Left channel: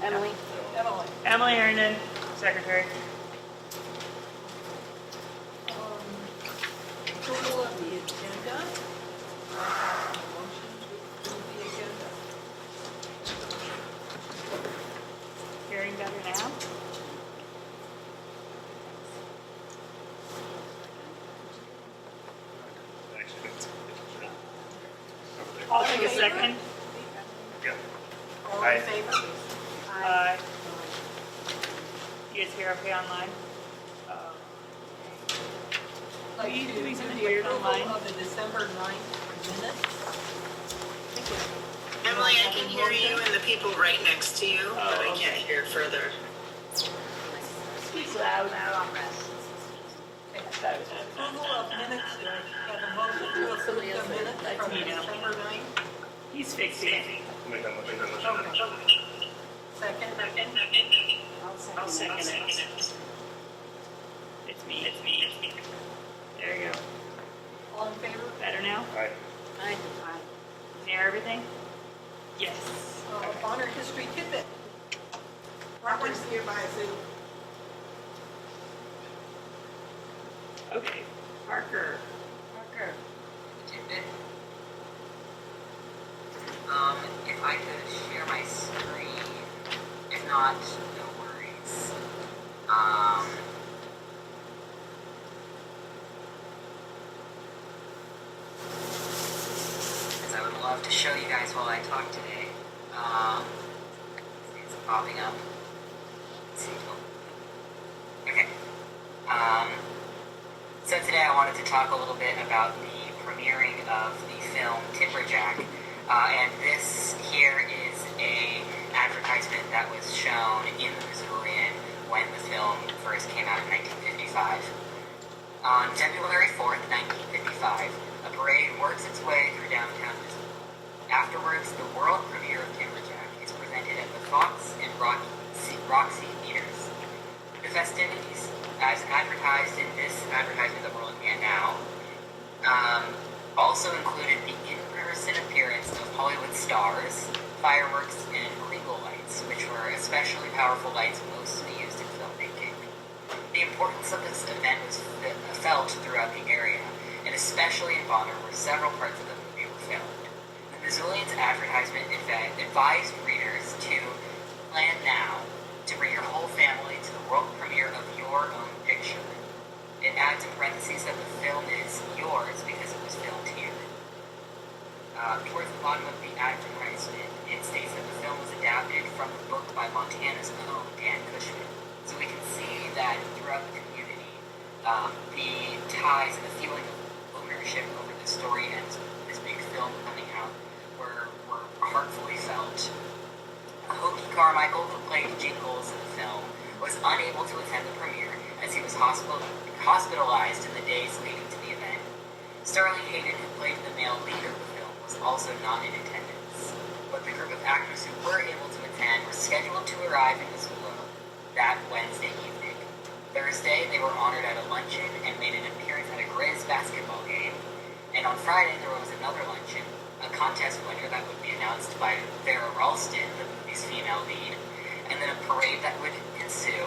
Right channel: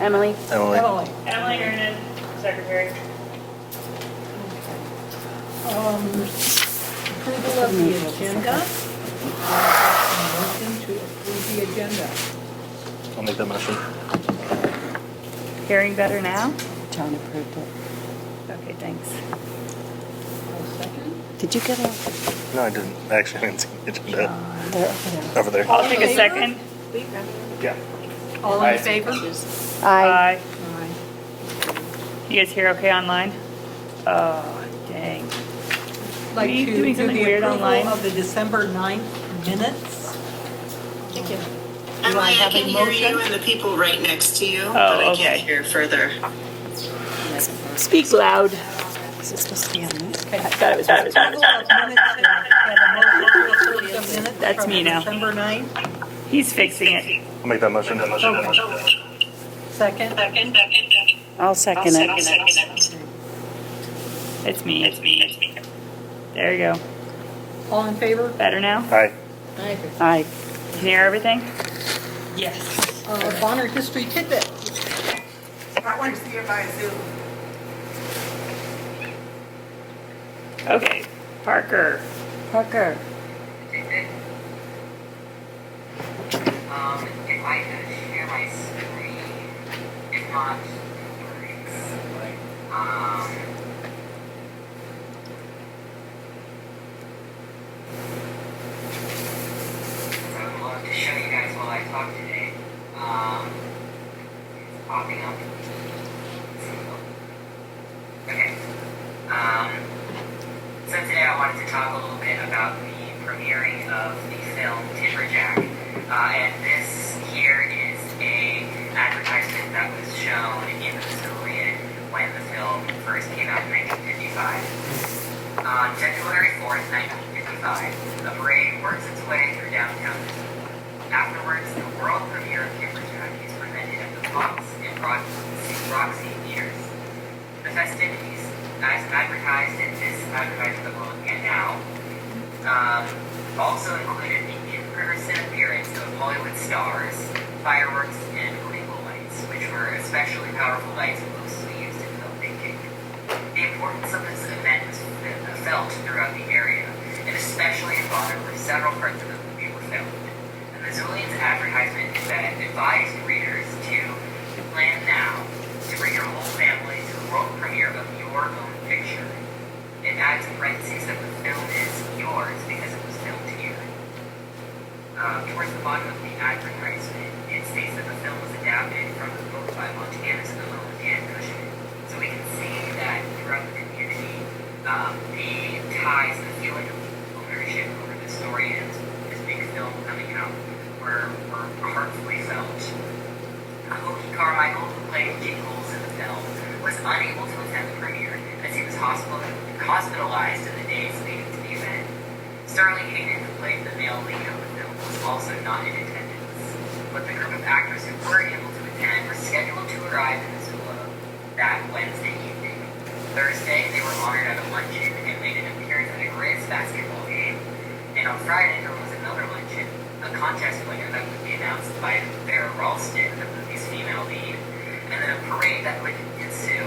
Emily? Emily. Emily Hernan, secretary. Approval of the agenda. Motion to approve the agenda. I'll make that motion. Hearing better now? John approved it. Okay, thanks. A second. Did you get a, No, I didn't. Actually, I didn't see the agenda. they're over there. Over there. I'll take a favor? second. Yeah. All Aye. in favor? Aye. Aye. You guys hear okay online? Oh, dang. Like Are you to doing do something the weird approval online? of the December 9th minutes. Emily, I have a can hear motion? you and the people right next to you, Oh, but I okay. can't hear further. Speak loud. Is it supposed to be on this? Okay. I thought it was. Approval of minutes. Have a motion to approve the minutes That's from me now. December 9th. He's fixing it. I'll make that motion. Second. I'll second it. It's me. There you go. All in favor? Better now? Aye. Aye. Can you hear everything? Yes. Bonner history tidbit. I want to see you by Zoom. Okay. Parker. Parker. If I could share my screen, if not, no worries. So I would love to show you guys while I talk today. It's popping up. Okay. So today I wanted to talk a little bit about the premiering of the film Timberjack. And this here is a advertisement that was shown in the Missourian when the film first came out in 1955. On February 4th, 1955, a parade works its way through downtown Missouri. Afterwards, the world premiere of Timberjack is presented at the Fox and Roxy Theaters. The festivities, as advertised in this advertisement that we're looking at now, also included the in-person appearance of Hollywood stars, fireworks, and regal lights, which were especially powerful lights mostly used in filmmaking. The importance of this event was felt throughout the area, and especially in Bonner, where several parts of the movie were filmed. The Missoulian's advertisement advised readers to plan now to bring your whole family to the world premiere of your own picture. It adds in parentheses that the film is yours because it was filmed here. Towards the bottom of the advertisement, it states that the film was adapted from the book by Montana's own Dan Cushman. So we can see that throughout the community, the ties, the feeling of ownership over the story and this big film coming out were heartfully felt. Hokie Carmichael, who played Jingles in the film, was unable to attend the premiere as he was hospitalized in the days leading to the event. Sterling Hayden, who played the male lead of the film, was also not in attendance. But the group of actors who were able to attend were scheduled to arrive in Missoula that Wednesday evening. Thursday, they were honored at a luncheon and made an appearance at a Grizz basketball game. And on Friday, there was another luncheon, a contest winner that would be announced by Vera Ralston, the movie's female lead, and then a parade that would ensue,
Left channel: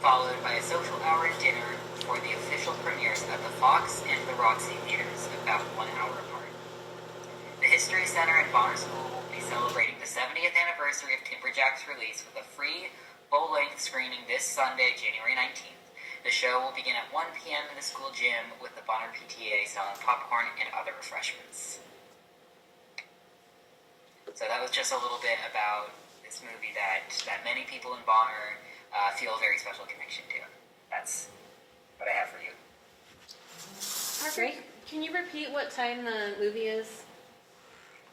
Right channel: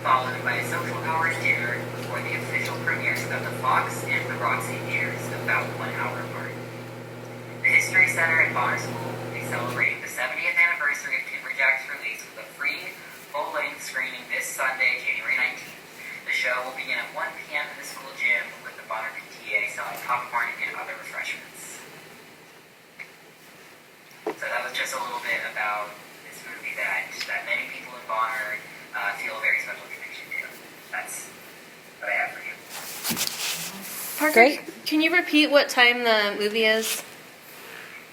followed by a social hour dinner before the official premieres of the Fox and the Roxy Theaters about 1 hour apart. The History Center at Bonner School will be celebrating the 70th anniversary of Timberjack's release with a free full-length screening this Sunday, January 19th. The show will begin at 1 p.m. in the school gym with the Bonner PTA selling popcorn and other refreshments. So that was just a little bit about this movie that many people in Bonner feel a very special connection to. That's what I have for you. Parker, Great. can you repeat what time the movie is?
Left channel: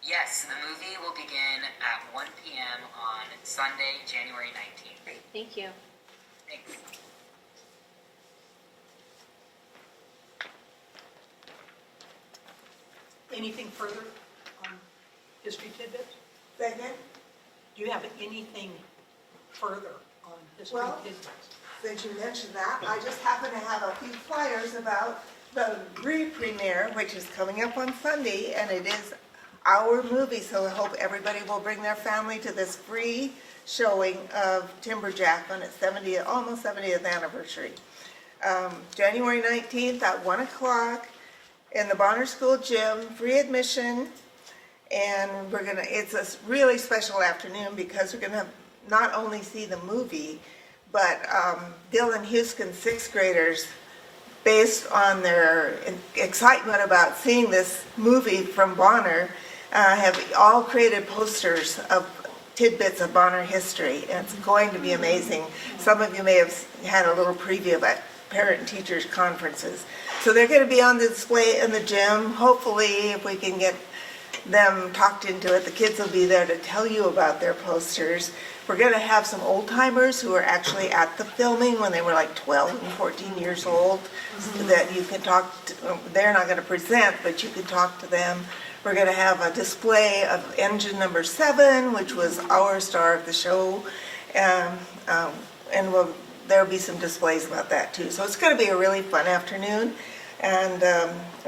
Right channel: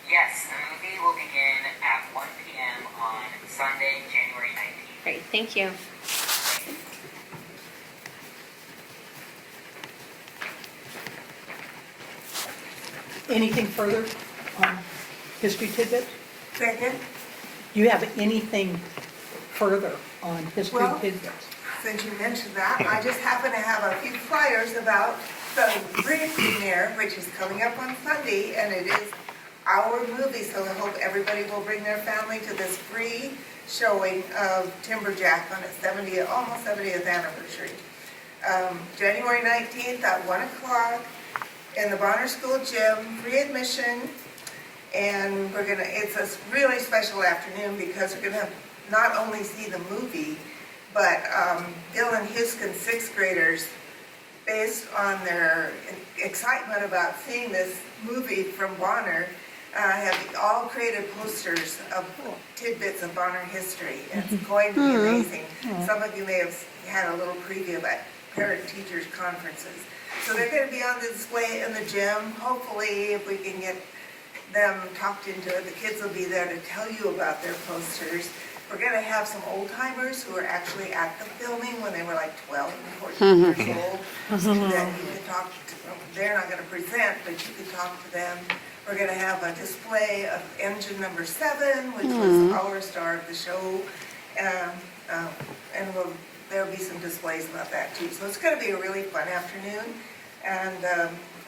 Yes, the movie will begin at 1 p.m. on Sunday, January 19th. Great, thank you. Anything further on history tidbit? Second, Do you have anything further on history Well- tidbits? since you mentioned that, I just happen to have a few flyers about the premiere, which is coming up on Sunday, and it is our movie, so I hope everybody will bring their family to this free showing of Timberjack on its 70th, almost 70th anniversary. January 19th at 1 o'clock in the Bonner School Gym, free admission. And it's a really special afternoon because we're gonna not only see the movie, but Dylan Huskin's sixth graders, based on their excitement about seeing this movie from Bonner, have all created posters of tidbits of Bonner history, and it's going to be amazing. Some of you may have had a little preview about parent-teachers conferences. So they're going to be on the display in the gym. Hopefully, if we can get them talked into it, the kids will be there to tell you about their posters. We're going to have some old-timers who are actually at the filming when they were like 12 and 14 years old, so that you can talk to. They're not going to present, but you can talk to them. We're going to have a display of engine number 7, which was our star of the show, and there'll be some displays about that too. So it's going to be a really fun afternoon, and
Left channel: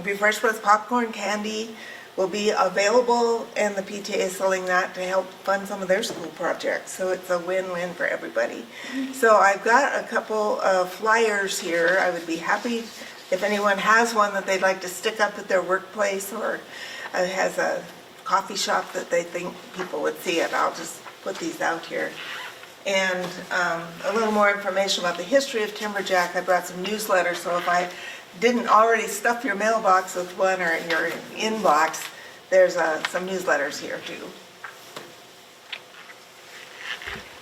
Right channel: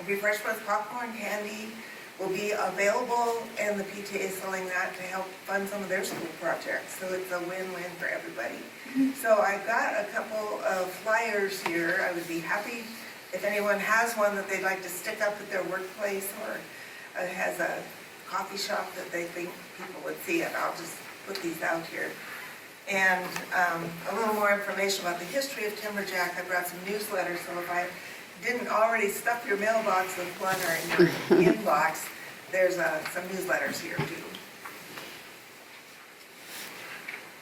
refreshments, popcorn, candy will be available, and the PTA is selling that to help fund some of their school projects. So it's a win-win for everybody. So I've got a couple of flyers here. I would be happy if anyone has one that they'd like to stick up at their workplace, or has a coffee shop that they think people would see it. I'll just put these out here. And a little more information about the history of Timberjack. I brought some newsletters, so if I didn't already stuff your mailbox with one or in your inbox, there's some newsletters here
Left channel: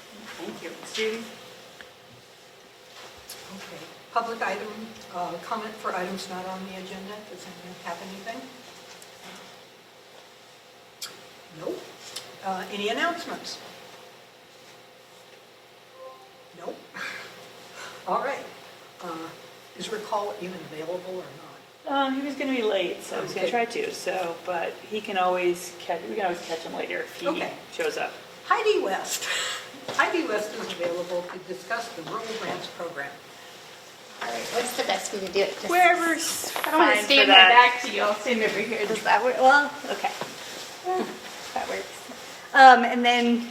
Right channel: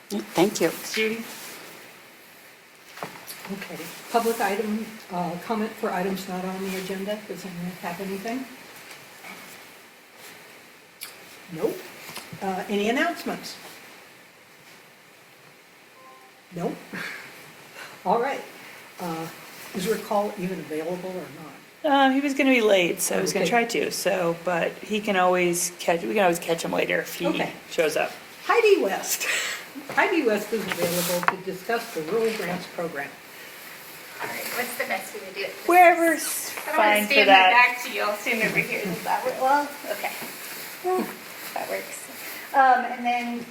too. Thank you. Judy? Okay, public item, comment for items not on the agenda. Does anyone have anything? Nope. Any announcements? Nope. All right. Is your call even available or not? He was going to be late, so I was going to Okay. try to. So, but we can always catch him later if he Okay. shows up. Heidi West. Heidi West is available to discuss the Rural Grants Program. All right, what's the best way to do it? Just- Wherever's I don't want fine to for stand my that. back to you. I'll stand over here. Does that work? Well, okay. That works. And then.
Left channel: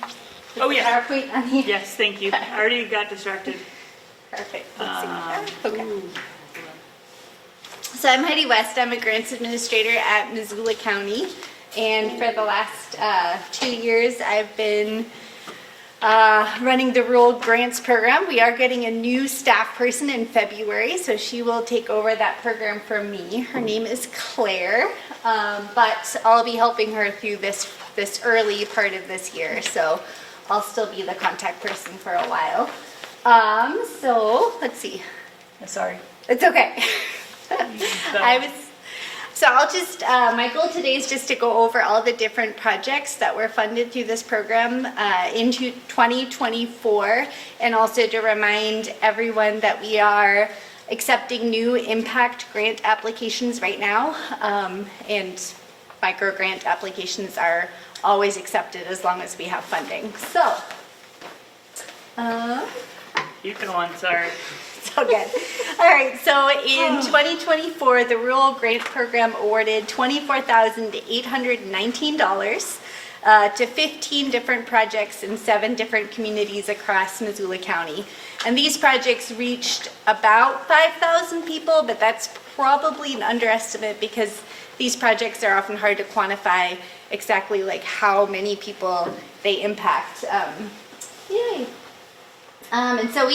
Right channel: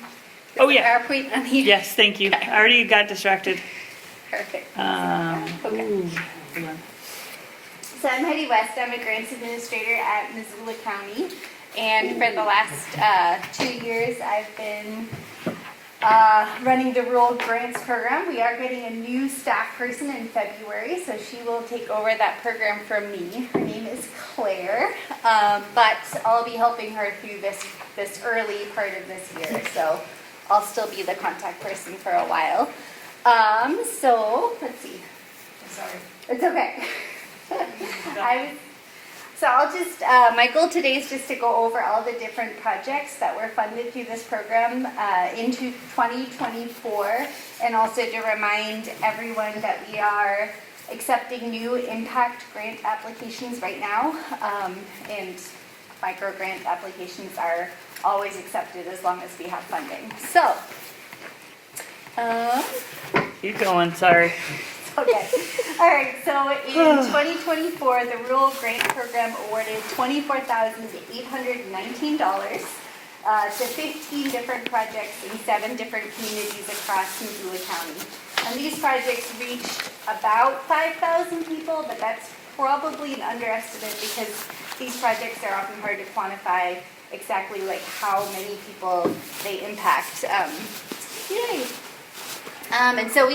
Oh, yeah. PowerPoint on here. Yes, thank you. I already got distracted. Perfect. Ooh. So I'm Heidi West. I'm a grants administrator at Missoula County. And for the last 2 years, I've been running the Rural Grants Program. We are getting a new staff person in February, so she will take over that program from me. Her name is Claire, but I'll be helping her through this early part of this year. So I'll still be the contact person for a while. So let's see. Sorry. It's okay. My goal today is just to go over all the different projects that were funded through this program into 2024, and also to remind everyone that we are accepting new impact grant applications right now, and micro grant applications are always accepted as long as we have funding. So, Keep going, sorry. okay. All right, so in 2024, the Rural Grant Program awarded $24,819 to 15 different projects in 7 different communities across Missoula County. And these projects reached about 5,000 people, but that's probably an underestimate because these projects are often hard to quantify exactly like how many people they impact. Yay. And so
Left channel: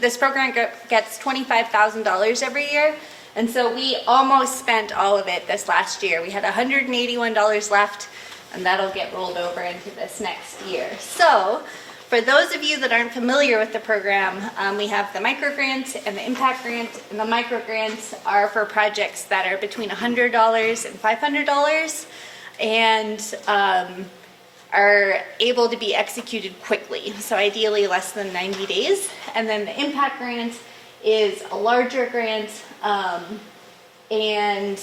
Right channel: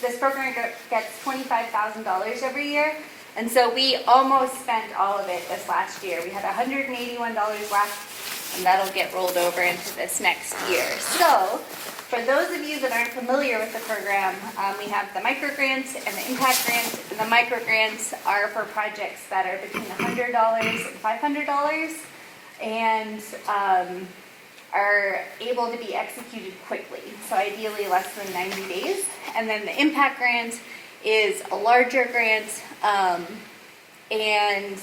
this program gets $25,000 every year. And so we almost spent all of it this last year. We had $181 left, and that'll get rolled over into this next year. So for those of you that aren't familiar with the program, we have the micro grants and the impact grants. And the micro grants are for projects that are between $100 and $500 and are able to be executed quickly, so ideally less than 90 days. And then the impact grant is a larger grant and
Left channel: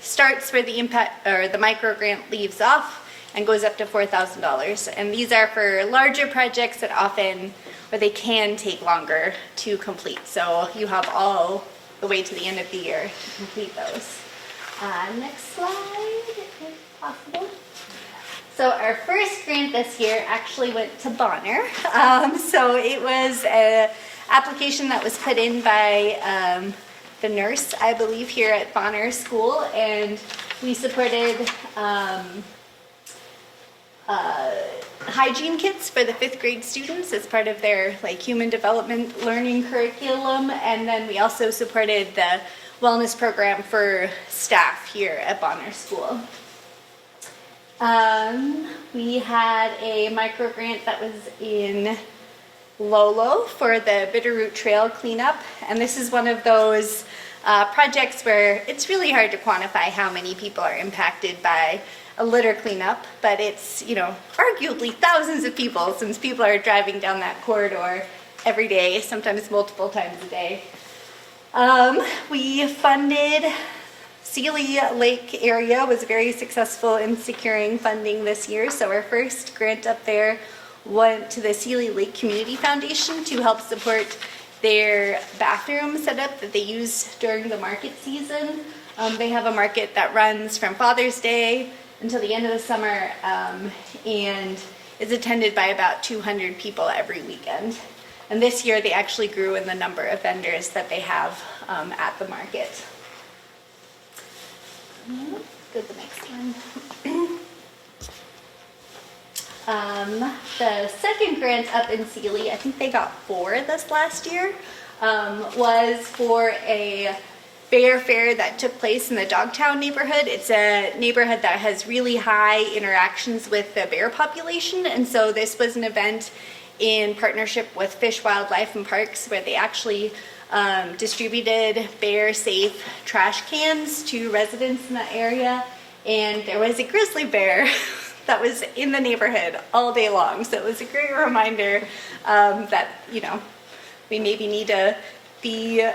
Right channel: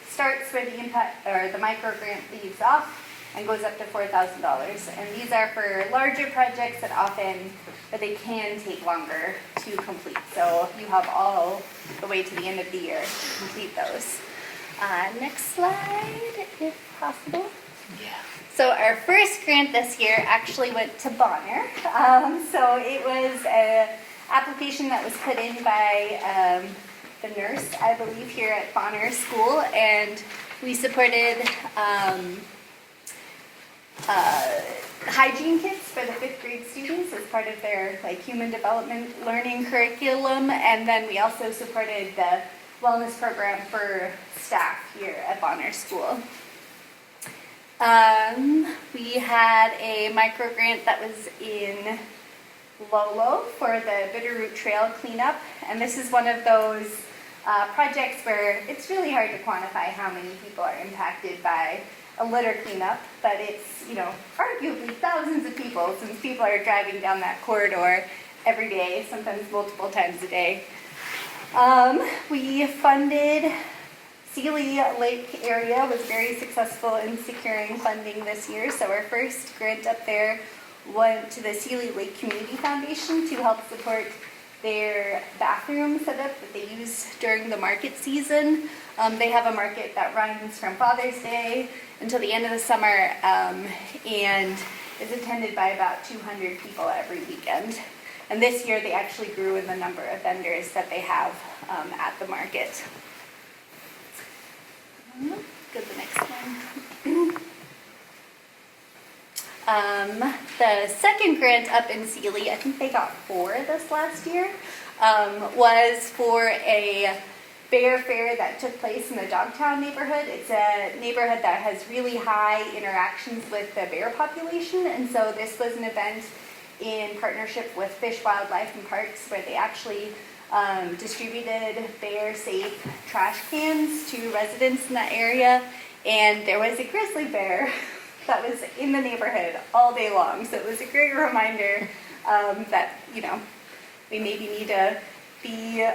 starts where the impact or the micro grant leaves off and goes up to $4,000. And these are for larger projects that often, or they can take longer to complete. So you have all the way to the end of the year to complete those. Next slide, if possible. So our first grant this year actually went to Bonner. So it was an application that was put in by the nurse, I believe, here at Bonner School, and we supported hygiene kits for the 5th grade students as part of their like human development learning curriculum, and then we also supported the wellness program for staff here at Bonner School. We had a micro grant that was in Lolo for the Bitterroot Trail cleanup, and this is one of those projects where it's really hard to quantify how many people are impacted by a litter cleanup, but it's, you know, arguably thousands of people, since people are driving down that corridor every day, sometimes multiple times a day. We funded Sealy Lake area was very successful in securing funding this year, so our first grant up there went to the Sealy Lake Community Foundation to help support their bathroom setup that they use during the market season. They have a market that runs from Father's Day until the end of the summer, and is attended by about 200 people every weekend. And this year they actually grew in the number of vendors that they have at the market. Go to the next one. The second grant up in Sealy, I think they got 4 this last year, was for a bear fair that took place in the Dogtown neighborhood. It's a neighborhood that has really high interactions with the bear population, and so this was an event in partnership with Fish, Wildlife, and Parks, where they actually distributed bear-safe trash cans to residents in the area, and there was a grizzly bear that was in the neighborhood all day long. So it was a great reminder that, you know, we maybe need to be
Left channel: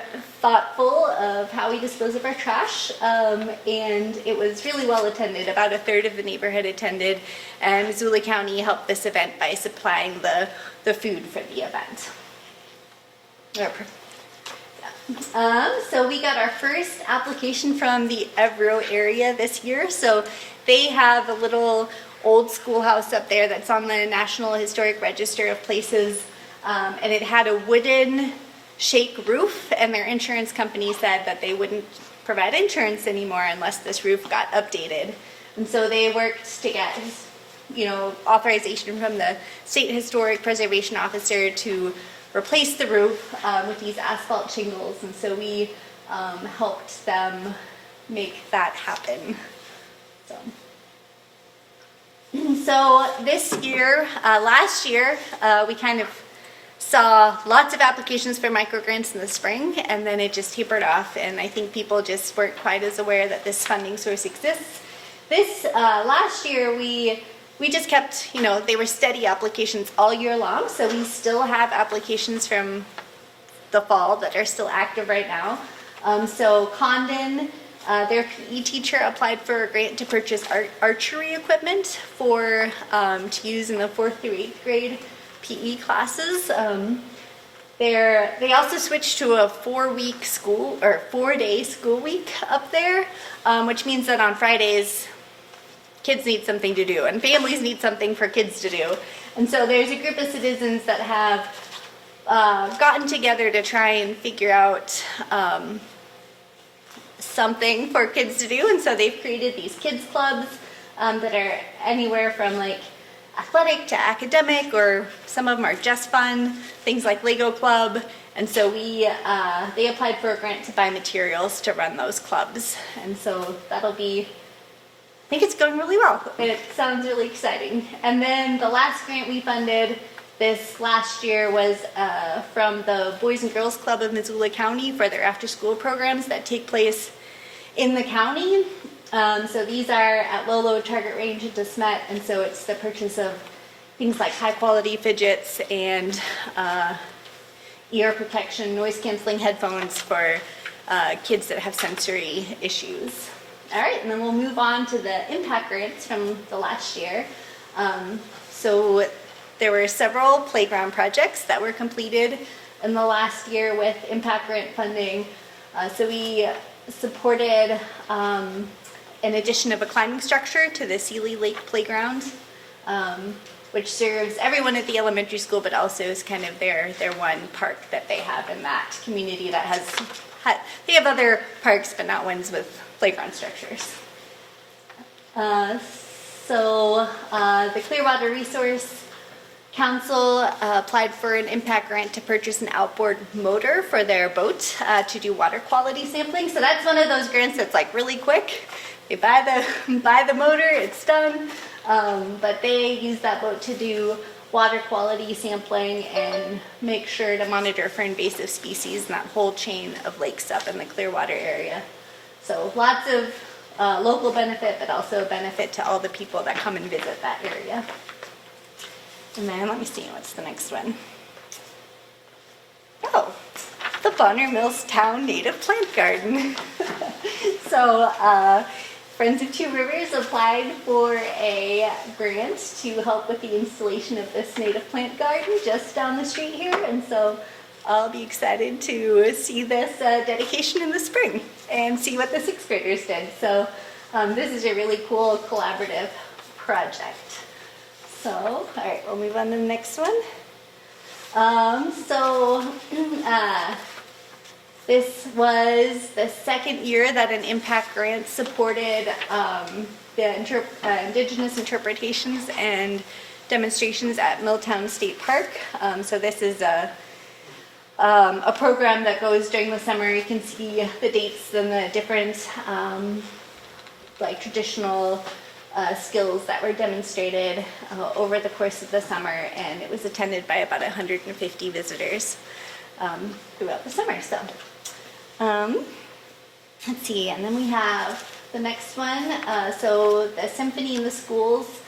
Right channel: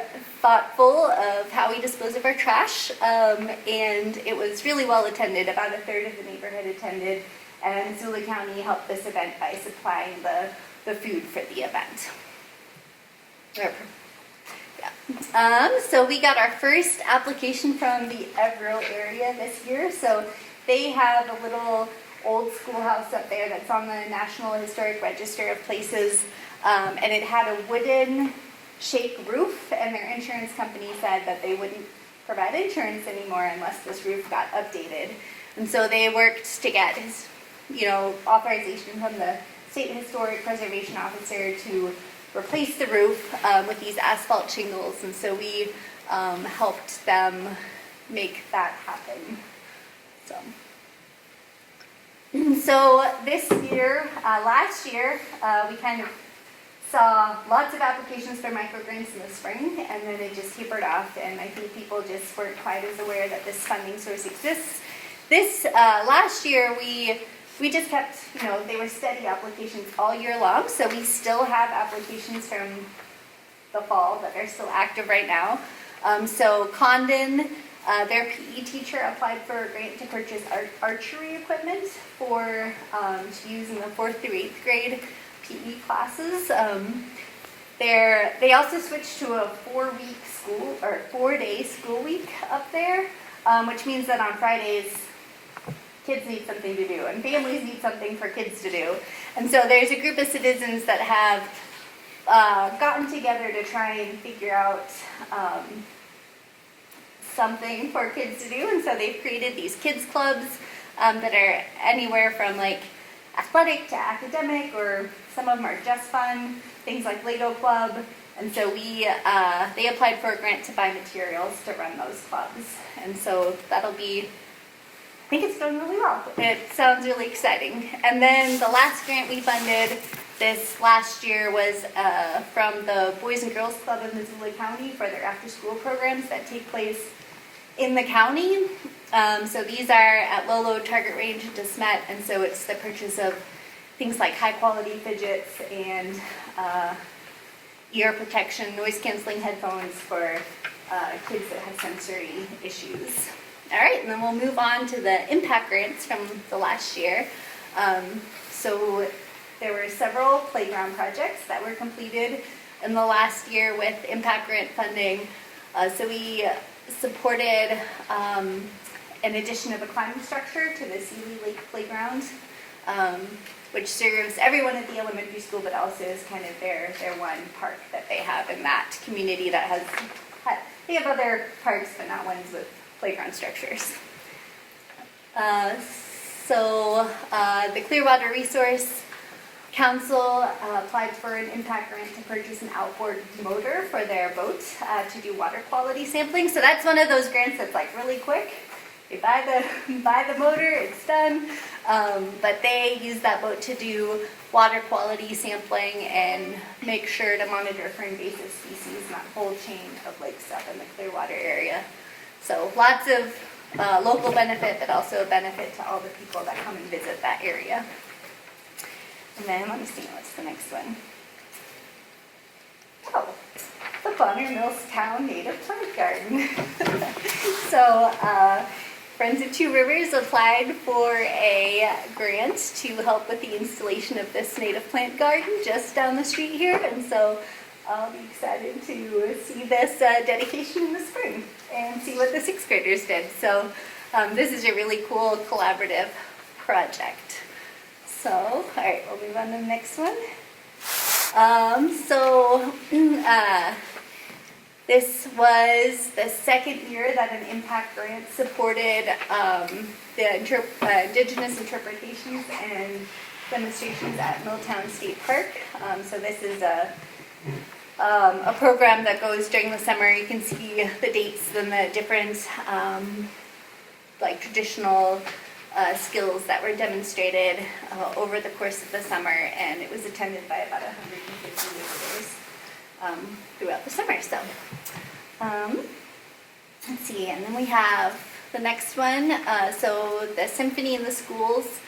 thoughtful of how we dispose of our trash, and it was really well attended. About 1/3 of the neighborhood attended, and Missoula County helped this event by supplying the food for the event. So we got our first application from the Evero area this year. So they have a little old schoolhouse up there that's on the National Historic Register of Places, and it had a wooden shake roof, and their insurance company said that they wouldn't provide insurance anymore unless this roof got updated. And so they worked to get, you know, authorization from the State Historic Preservation Officer to replace the roof with these asphalt shingles, and so we helped them make that happen. So this year, last year, we kind of saw lots of applications for microgrants in the spring, and then it just tapered off, and I think people just weren't quite as aware that this funding source exists. This last year, we just kept, you know, they were steady applications all year long, so we still have applications from the fall that are still active right now. So Condon, their PE teacher applied for a grant to purchase archery equipment for to use in the 4th through 8th grade PE classes. They also switched to a 4-day school week up there, which means that on Fridays, kids need something to do, and families need something for kids to do. And so there's a group of citizens that have gotten together to try and figure out something for kids to do, and so they've created these kids clubs that are anywhere from like athletic to academic, or some of them are just fun, things like Lego Club. And so they applied for a grant to buy materials to run those clubs, and so that'll be, I think it's going really well. It sounds really exciting. And then the last grant we funded this last year was from the Boys and Girls Club of Missoula County for their after-school programs that take place in the county. So these are at Lolo, Target Range, and DeSmet, and so it's the purchase of things like high-quality fidgets and ear protection, noise-canceling headphones for kids that have sensory issues. All right, and then we'll move on to the impact grants from the last year. So there were several playground projects that were completed in the last year with impact grant funding. So we supported an addition of a climbing structure to the Sealy Lake Playground, which serves everyone at the elementary school, but also is kind of their one park that they have in that community that they have other parks, but not ones with playground structures. The Clearwater Resource Council applied for an impact grant to purchase an outboard motor for their boat to do water quality sampling. So that's one of those grants that's like really quick. They buy the motor, it's done. But they use that boat to do water quality sampling and make sure to monitor for invasive species in that whole chain of lakes up in the Clearwater area. So lots of local benefit, but also a benefit to all the people that come and visit that area. And then let me see, what's the next one? Oh, the Bonner Milltown Native Plant Garden. So Friends of Two Rivers applied for a grant to help with the installation of this native plant garden just down the street here. And so I'll be excited to see this dedication in the spring and see what the sixth graders did. So this is a really cool collaborative project. So, all right, we'll move on to the next one. This was the second year that an impact grant supported the Indigenous interpretations and demonstrations at Milltown State Park. So this is a program that goes during the summer. You can see the dates and the different like traditional skills that were demonstrated over the course of the summer, and it was attended by about 150 visitors throughout the summer. So let's see, and then we have the next one. So the Symphony in the Schools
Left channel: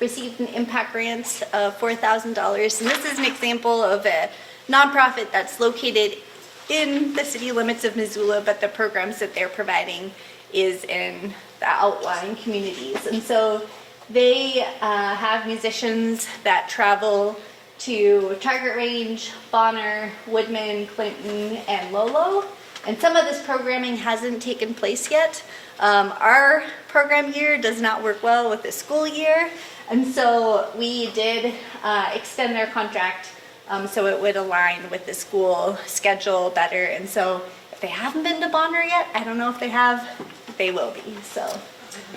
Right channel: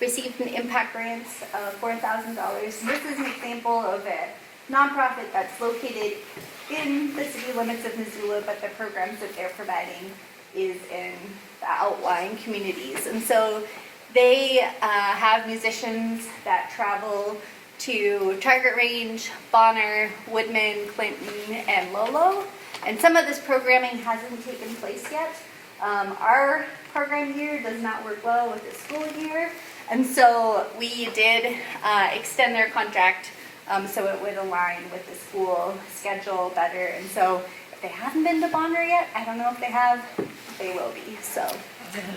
received an impact grant of $4,000, and this is an example of a nonprofit that's located in the city limits of Missoula, but the programs that they're providing is in the outlying communities. And so they have musicians that travel to Target Range, Bonner, Woodman, Clinton, and Lolo. And some of this programming hasn't taken place yet. Our program year does not work well with the school year. And so we did extend their contract so it would align with the school schedule better. And so if they haven't been to Bonner yet, I don't know if they have, they will be. So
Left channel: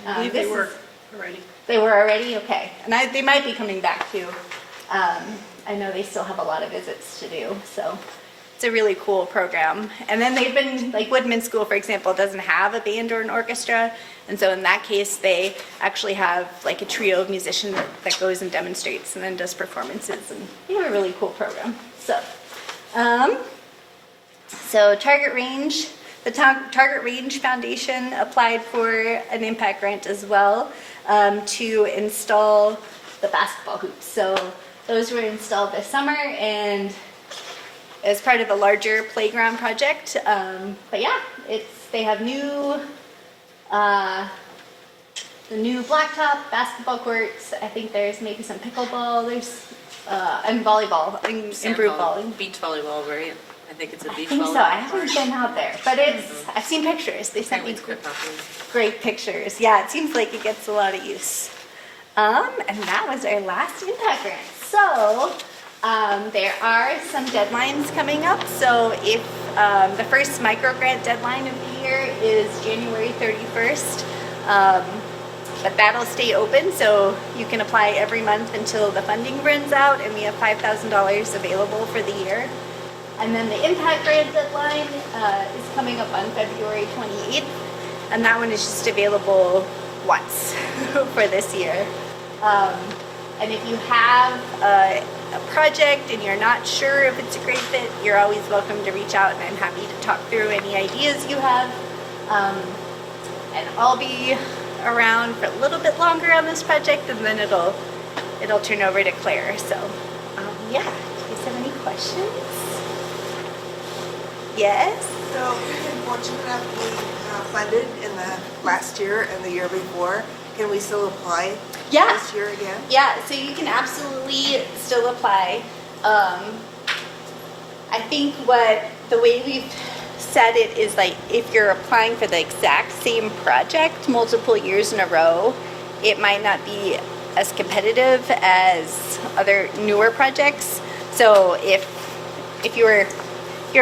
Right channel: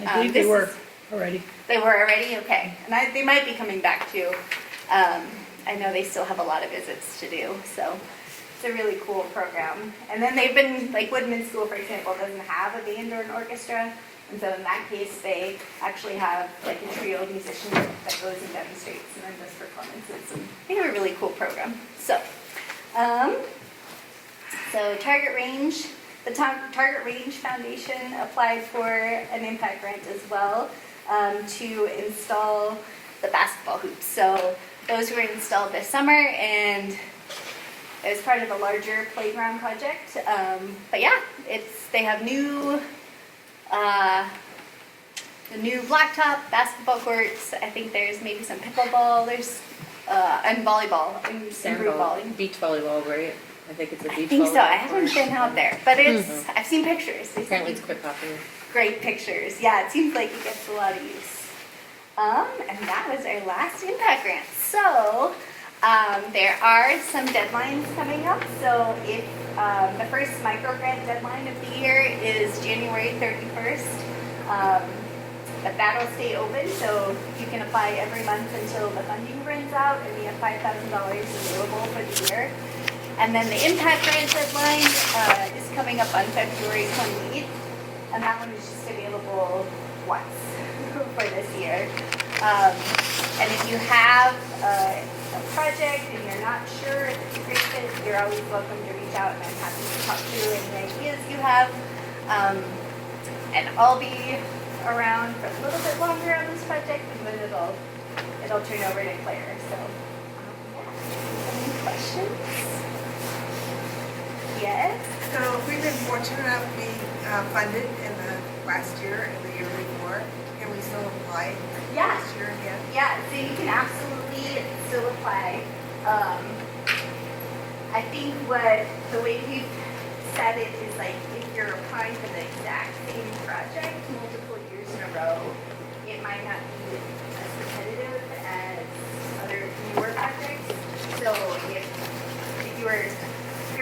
I believe they were already. They were already? Okay. And they might be coming back too. I know they still have a lot of visits to do. So it's a really cool program. And then they've been, like Woodman School, for example, doesn't have a band or an orchestra. And so in that case, they actually have like a trio of musicians that goes and demonstrates and then does performances. And they have a really cool program. So, Target Range, the Target Range Foundation applied for an impact grant as well to install the basketball hoops. So those were installed this summer and as part of a larger playground project. But yeah, they have the new blacktop basketball courts. I think there's maybe some pickleball. There's and volleyball, improved volleyball. Beach volleyball, right? I think it's a beach volleyball. I think so. I haven't been out there, but I've seen pictures. They sent me Apparently it's quite popular. great pictures. Yeah, it seems like it gets a lot of use. And that was our last impact grant. So there are some deadlines coming up. So if the first micro grant deadline of the year is January 31st, but that'll stay open, so you can apply every month until the funding runs out, and we have $5,000 available for the year. And then the impact grant deadline is coming up on February 28th, and that one is just available once for this year. And if you have a project and you're not sure if it's a great fit, you're always welcome to reach out, and I'm happy to talk through any ideas you have. And I'll be around for a little bit longer on this project, and then it'll turn over to Claire. So yeah, do you have any questions? Yes? So we've been fortunate enough to be funded in the last year and the year before. Can we still apply Yeah. this year again? Yeah, so you can absolutely still apply. I think the way we've said it is like, if you're applying for the exact same project multiple years in a row, it might not be as competitive as other newer projects. So if you're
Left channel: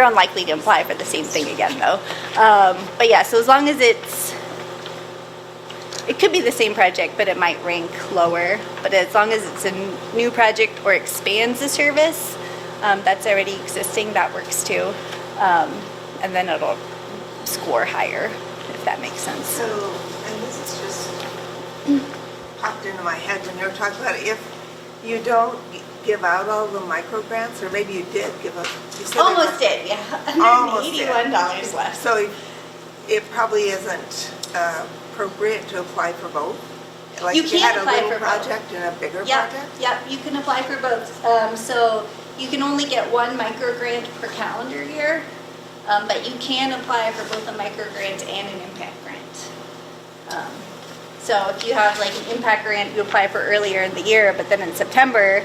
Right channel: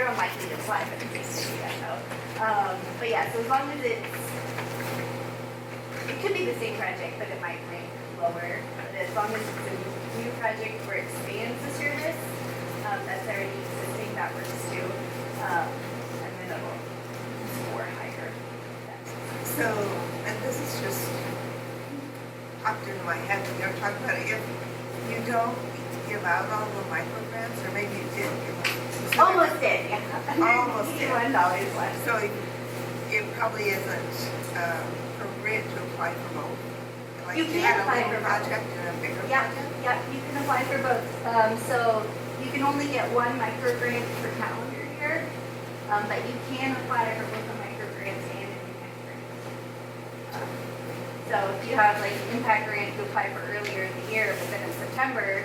unlikely to apply for the same thing again though. But yeah, so as long as it could be the same project, but it might rank lower. But as long as it's a new project or expands the service that's already existing, that works too. And then it'll score higher, if that makes sense. So, and this is just popped into my head when you were talking about it, if you don't give out all the micro grants, or maybe you did give us. Almost did, yeah. Almost did. $181 left. So it probably isn't appropriate to apply for both? Like You if can't had a apply little for both. project and a bigger Yep, project? yep, you can apply for both. So you can only get one micro grant per calendar year, but you can apply for both a micro grant and an impact grant. So if you have like an impact grant you apply for earlier in the year, but then in September,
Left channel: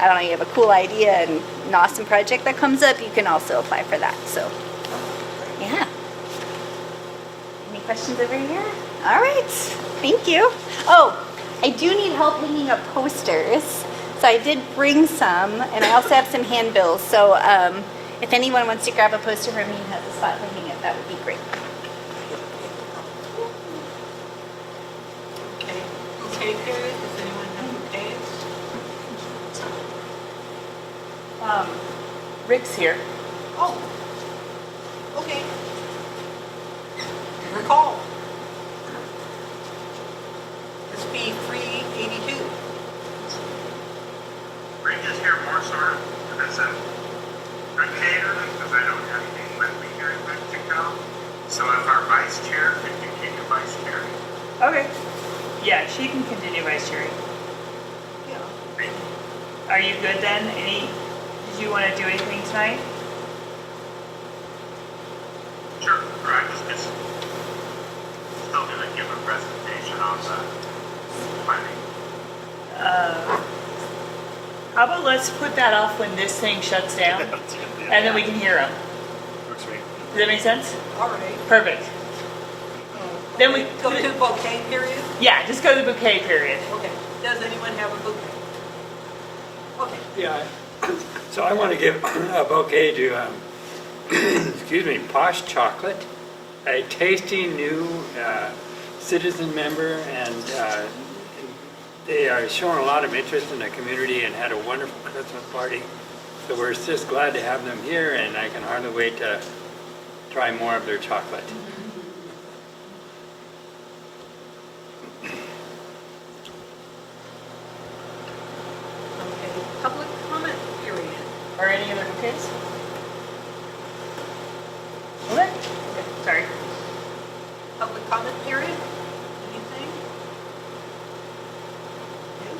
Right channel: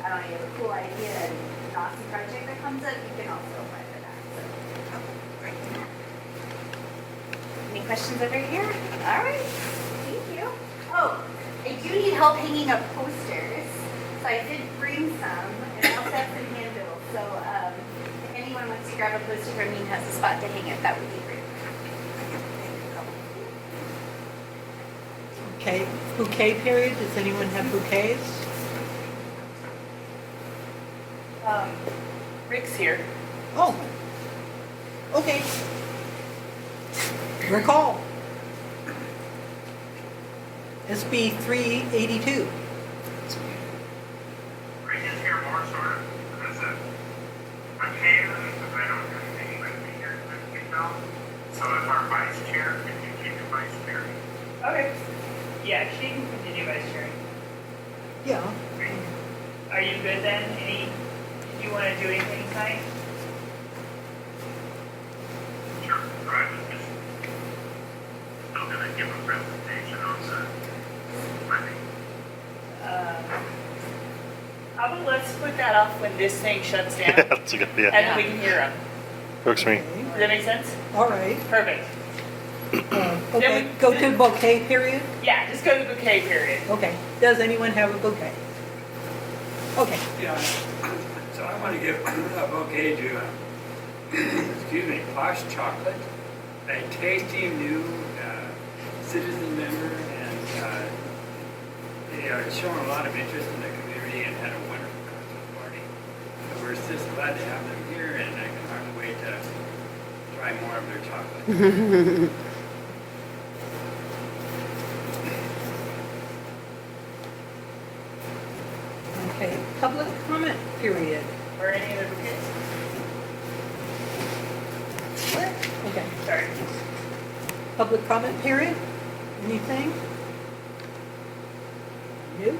I don't know, you have a cool idea and an awesome project that comes up, you can also apply for that, so, yeah. Any questions over here? All right, thank you. Oh, I do need help hanging up posters. So I did bring some, and I also have some handbills. So if anyone wants to grab a poster from me and has a spot to hang it, that would be great. Okay, bouquet period, does anyone have bouquets? Rick's here. Oh, okay. Recall. SB 382. Rick is here more sort of as a caterer, because I don't have anyone here to take it off. So if our vice chair can continue vice chair. Okay. Yeah, she can continue vice chairing. Yeah. Are you good then? Did you want to do anything tonight? Sure, or I was just still going to give a presentation on the planning. How about let's put that off when this thing shuts down, Yeah, that's a good idea. and then we can hear them. Works for me. Does that make sense? All right. Perfect. Then we- go to bouquet period. Yeah, just go to the bouquet period. Okay. Does anyone have a bouquet? Okay. Yeah, so I want to give a bouquet to, excuse me, Posh Chocolate, a tasty new citizen member, and they are showing a lot of interest in the community and had a wonderful Christmas party. So we're just glad to have them here, and I can hardly wait to try more of their chocolate. Okay. Public comment period. Or any other kids? What? Okay. Sorry. Public comment period? Anything? New?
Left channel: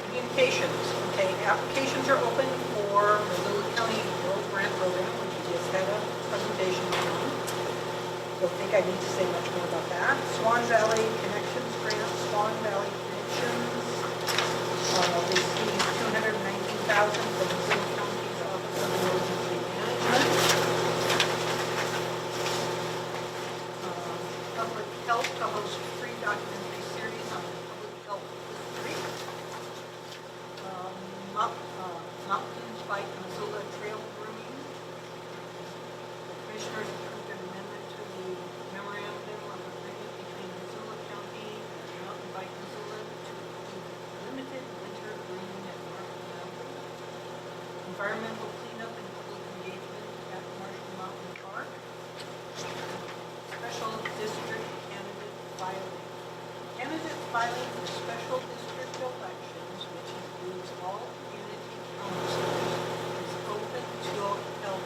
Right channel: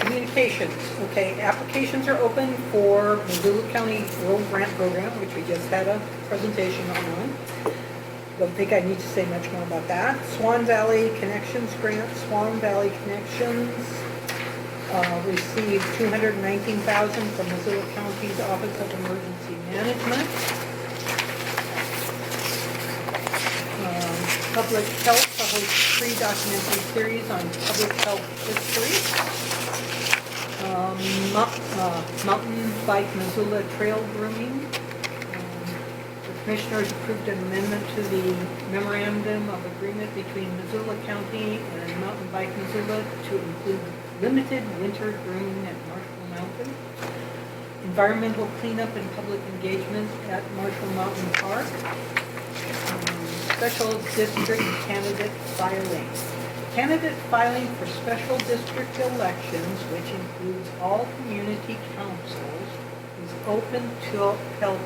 Communications. Okay, applications are open for Missoula County Rural Grant Program, which we just had a presentation on. Don't think I need to say much more about that. Swan Valley Connections Grant, Swan Valley Connections received $219,000 from Missoula County's Office of Emergency Management. Public Health, a free documentary series on public health history. Mountain Bike Missoula Trail Grooming. The Commissioners approved an amendment to the memorandum of agreement between Missoula County and Mountain Bike Missoula to include limited winter grooming at Marshall Mountain. Environmental cleanup and public engagement at Marshall Mountain Park. Special district candidate filing. Candidate filing for special district elections, which includes all community councils, is open till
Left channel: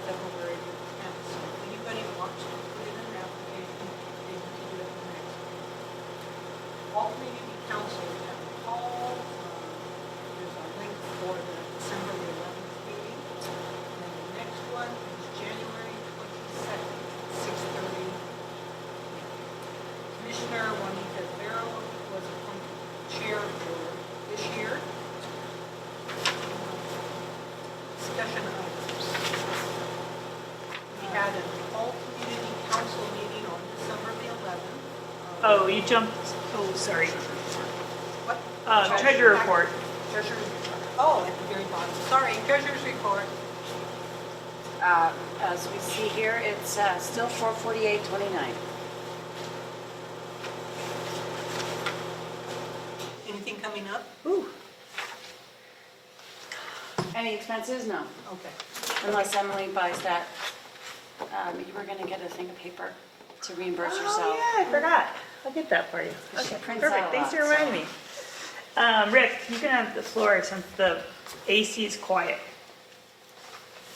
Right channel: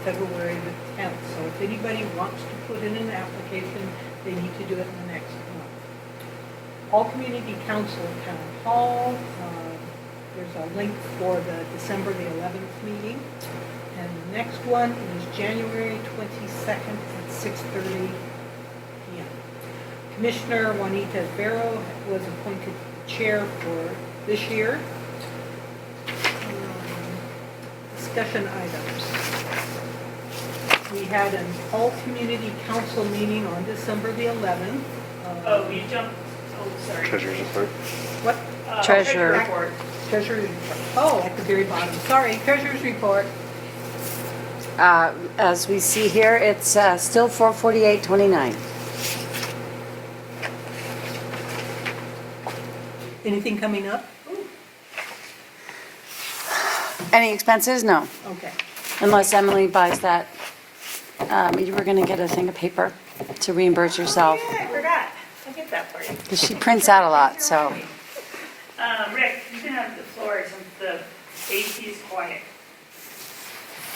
February the 10th. So if anybody wants to put in an application, they need to do it in the next month. All community council town hall. There's a link for the December the 11th meeting. And the next one is January 22nd at 6:30 p.m. Commissioner Juanita Vero was appointed chair for this year. Discussion items. We had an all-community council meeting on December the 11th. Oh, you jumped, sorry. Treasurer's report. What? Treasurer. Treasurer report. Treasurer's report. Oh, at the very bottom. Sorry, treasurer's report. As we see here, it's still 448.29. Anything coming up? Ooh, Any expenses? No, okay. unless Emily buys that. You were gonna get a thing of paper to reimburse yourself. Oh, yeah, I forgot. I'll get that for you. 'Cause she prints out a lot, Thanks for so. reminding me. Rick, you can have the floor since the AC is quiet.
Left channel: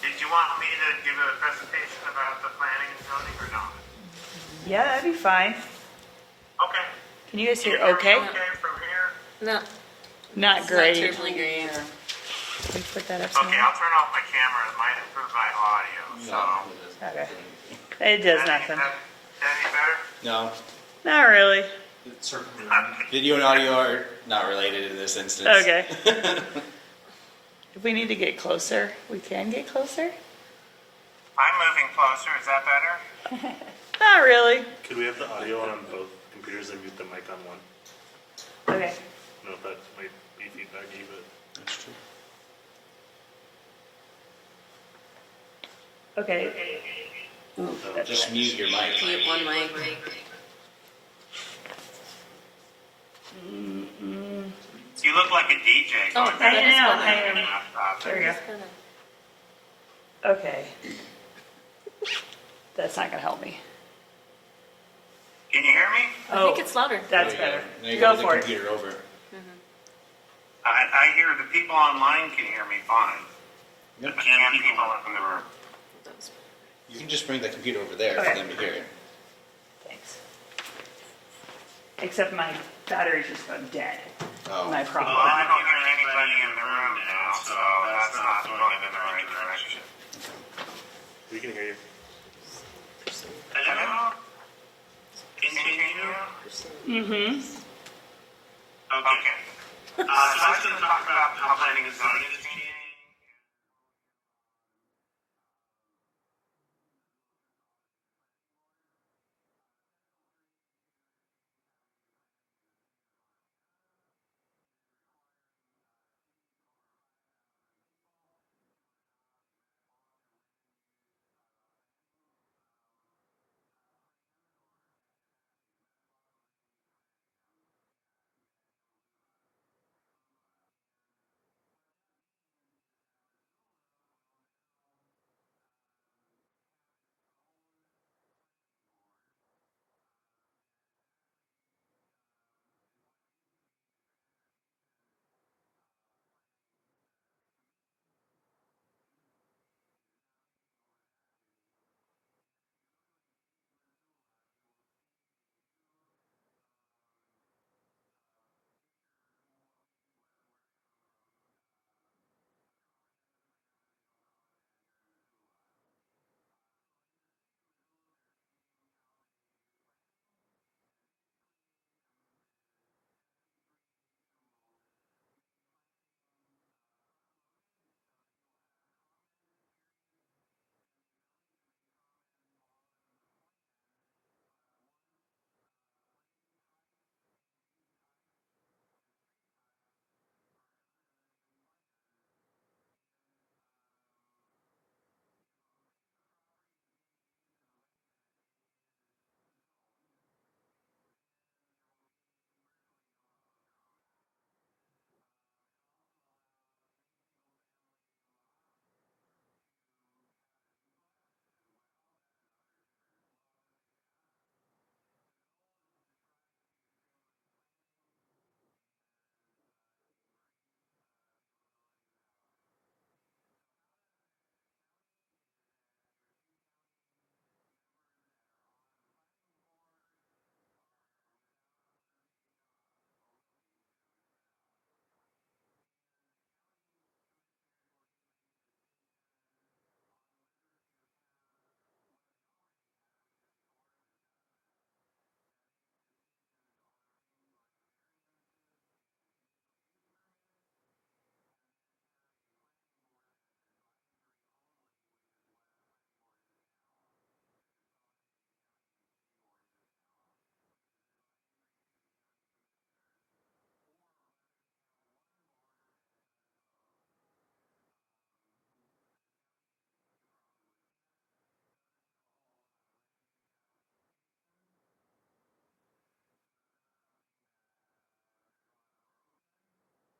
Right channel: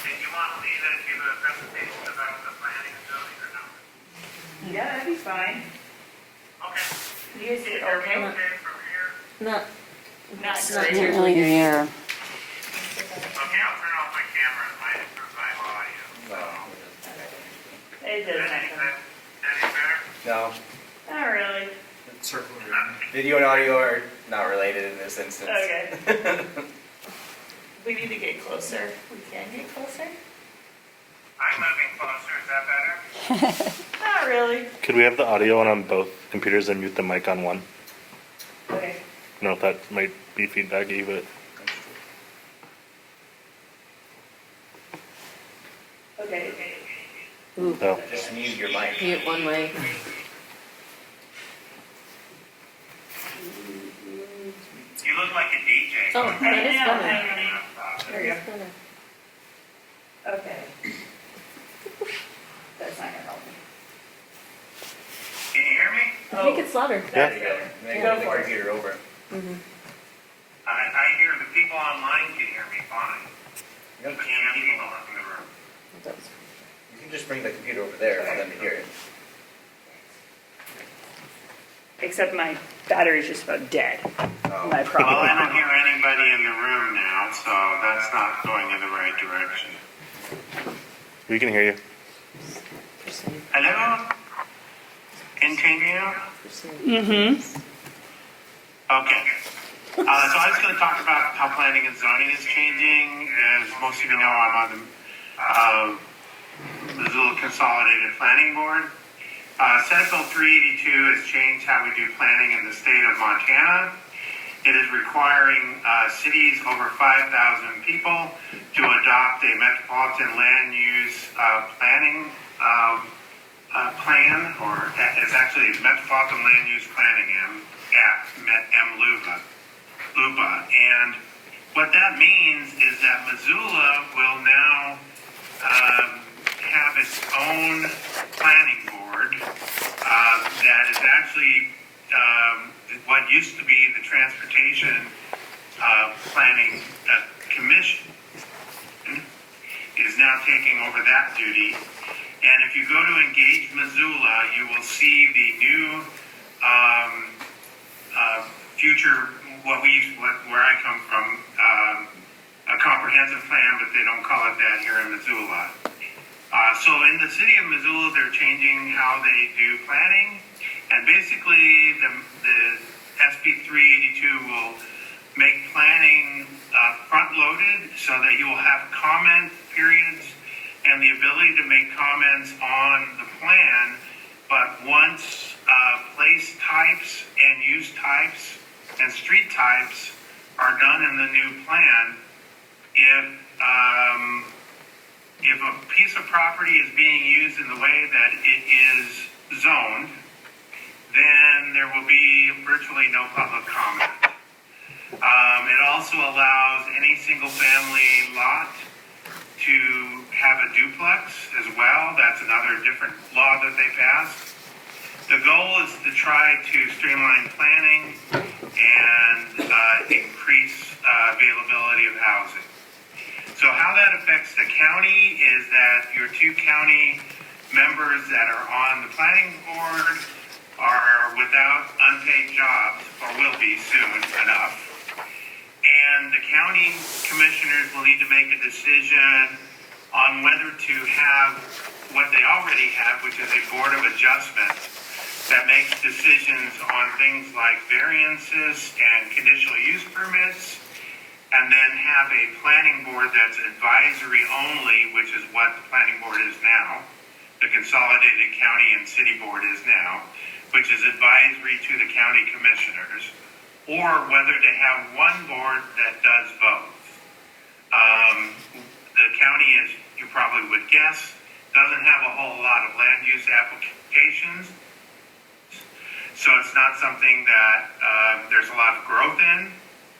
Did you want me to give a presentation about the planning and zoning or not? Yeah, that'd be fine. Okay. Can you guys hear Can you okay? hear me okay from here? No, Not Can't great. really hear. Put that up Okay, some I'll turn off my camera. It might improve my audio, so. more. Okay. It does nothing. Any better? No, Not really. video and audio are not related in this instance. Okay. If we need to get closer, we can get closer? I'm moving closer. Is that better? Not really. Could we have the audio on both computers and mute the mic on one? Okay. I don't know if that might be feedbacky, but Okay. oh. Just mute your mic. mute one mic. You look like a DJ. Oh, going that is Hang on, funny. hang on. There we go. Okay. That's not gonna help me. Can you hear me? I think it's louder. That's Yeah. better. Then you Go move the for it. computer over. I hear the people online can hear me fine. Yep. Can't people in the room. You can just bring the computer over there Okay. for them to hear it. Thanks. Except my battery's just about dead. Oh. My Well, problem. I don't hear anybody in the room now, so that's not going in the right direction. We can hear you. Hello? Continue? Mm-hmm. Okay. So I was going to talk about how planning and zoning is changing. As most of you know, I'm on the Missoula Consolidated Planning Board. Senate Bill 382 has changed how we do planning in the state of Montana. It is requiring cities over 5,000 people to adopt a metropolitan land use planning plan, or it's actually Metropolitan Land Use Planning, MLUPA. And what that means is that Missoula will now have its own planning board that is actually what used to be the Transportation Planning Commission is now taking over that duty. And if you go to Engage Missoula, you will see the new future, where I come from, a comprehensive plan, but they don't call it that here in Missoula. So in the city of Missoula, they're changing how they do planning, and basically the SB 382 will make planning front-loaded so that you will have comment periods and the ability to make comments on the plan, but once place types and use types and street types are done in the new plan, if a piece of property is being used in the way that it is zoned, then there will be virtually no public comment. It also allows any single-family lot to have a duplex as well. That's another different law that they passed. The goal is to try to streamline planning and increase availability of housing. So how that affects the county is that your two county members that are on the planning board are without unpaid jobs, or will be soon enough. And the county commissioners will need to make a decision on whether to have what they already have, which is a board of adjustment that makes decisions on things like variances and conditional use permits and then have a planning board that's advisory only, which is what the planning board is now, the consolidated county and city board is now, which is advisory to the county commissioners, or whether to have one board that does both. The county, as you probably would guess, doesn't have a whole lot of land use applications, so it's not something that there's a lot of growth in,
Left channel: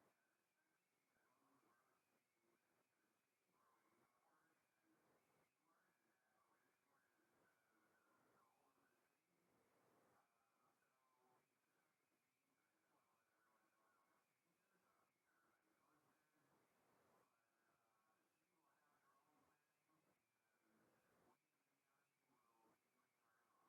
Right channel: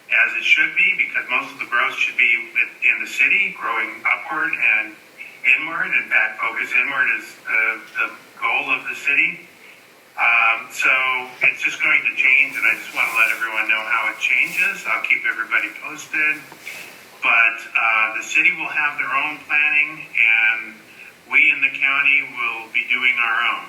as it should be, because most of the growth should be in the city, growing upward and inward. In fact, focus inward is the goal of the city. So it's just going to change, and I just want to let everyone know how it changes. I'll keep everybody posted. But the city will have their own planning, and we in the county will be doing our own.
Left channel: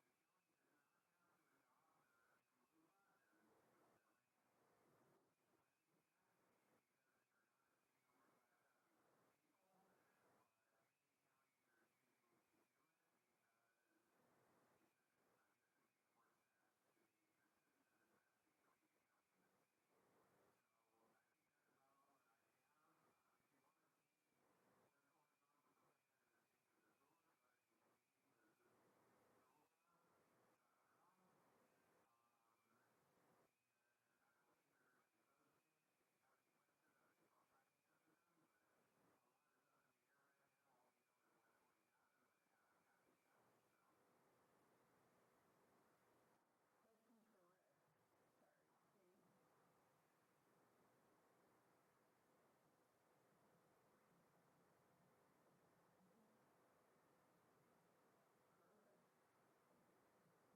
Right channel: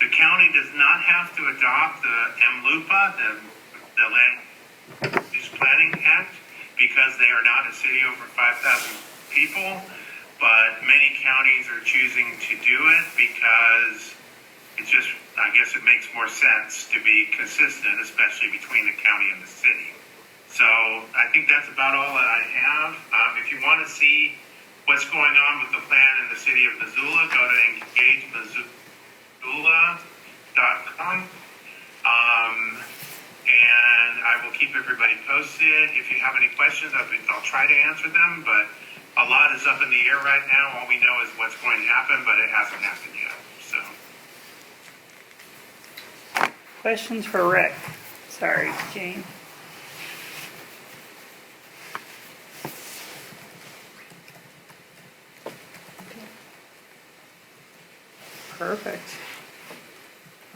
The county does not have to adopt the MLUPA, the Land Use Planning Act, because they are not a city over 5,000 people, but many counties are choosing to do it because it's just, I guess it makes more sense to be consistent, especially between the county and the city. So I think that's about all that I have. If you want to see what's going on with the plan in the city of Missoula, go to engagemissoula.com. And I will keep everybody posted. If you have any questions, I'll try to answer them, but a lot is up in the air right now. All we know is what's going to happen, but it hasn't happened yet. So. Questions for Rick? Sorry, Jane. Perfect.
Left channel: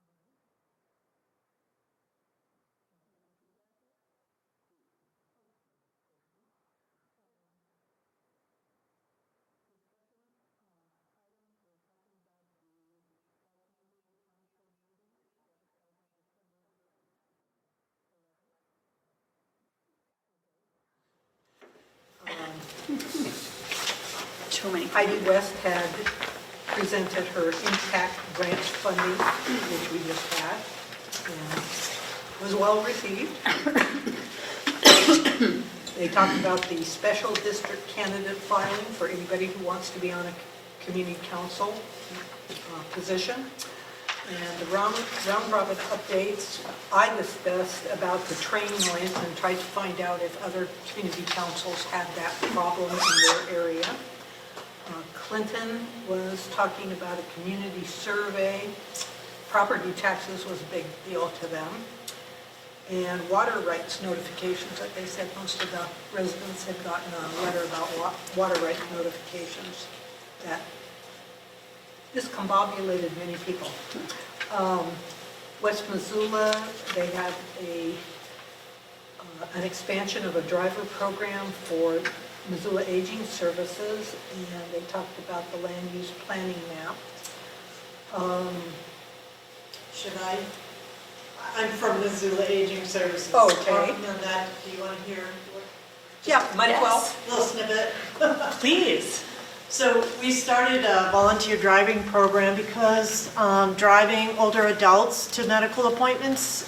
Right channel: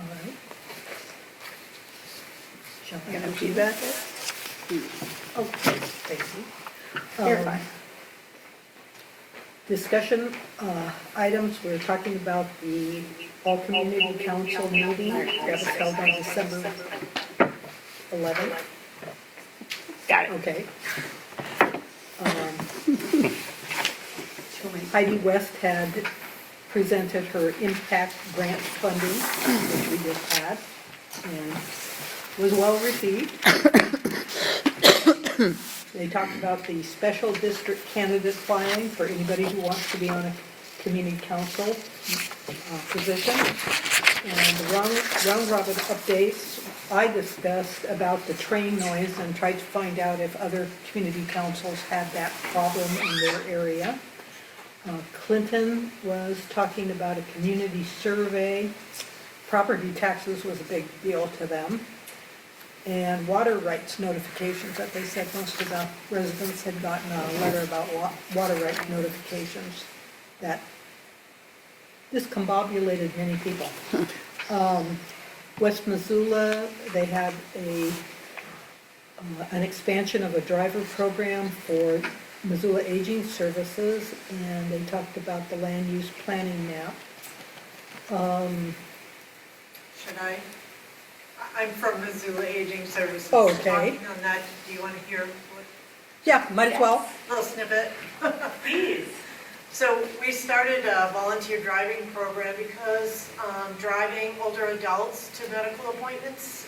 All right. Jumping into feedback. Okay, Stacy. You're fine. Discussion items, we're talking about the all-community council meeting that was held on December 11th. Got it. Okay. Too many. Heidi West had presented her impact grant funding, which we just had, and was well received. They talked about the special district candidate filing for anybody who wants to be on a community council position. And the round robin updates, I discussed about the train noise and tried to find out if other community councils had that problem in their area. Clinton was talking about a community survey. Property taxes was a big deal to them. And water rights notifications, like I said, most of the residents had gotten a letter about water rights notifications that discombobulated many people. West Missoula, they had an expansion of a driver program for Missoula Aging Services, and they talked about the land use planning map. Should I? I'm from Missoula Aging Services. Oh, okay. Talking on that, do you want to hear what? Yeah, might as well. Little snippet. Please. So we started a volunteer driving program because driving older adults to medical appointments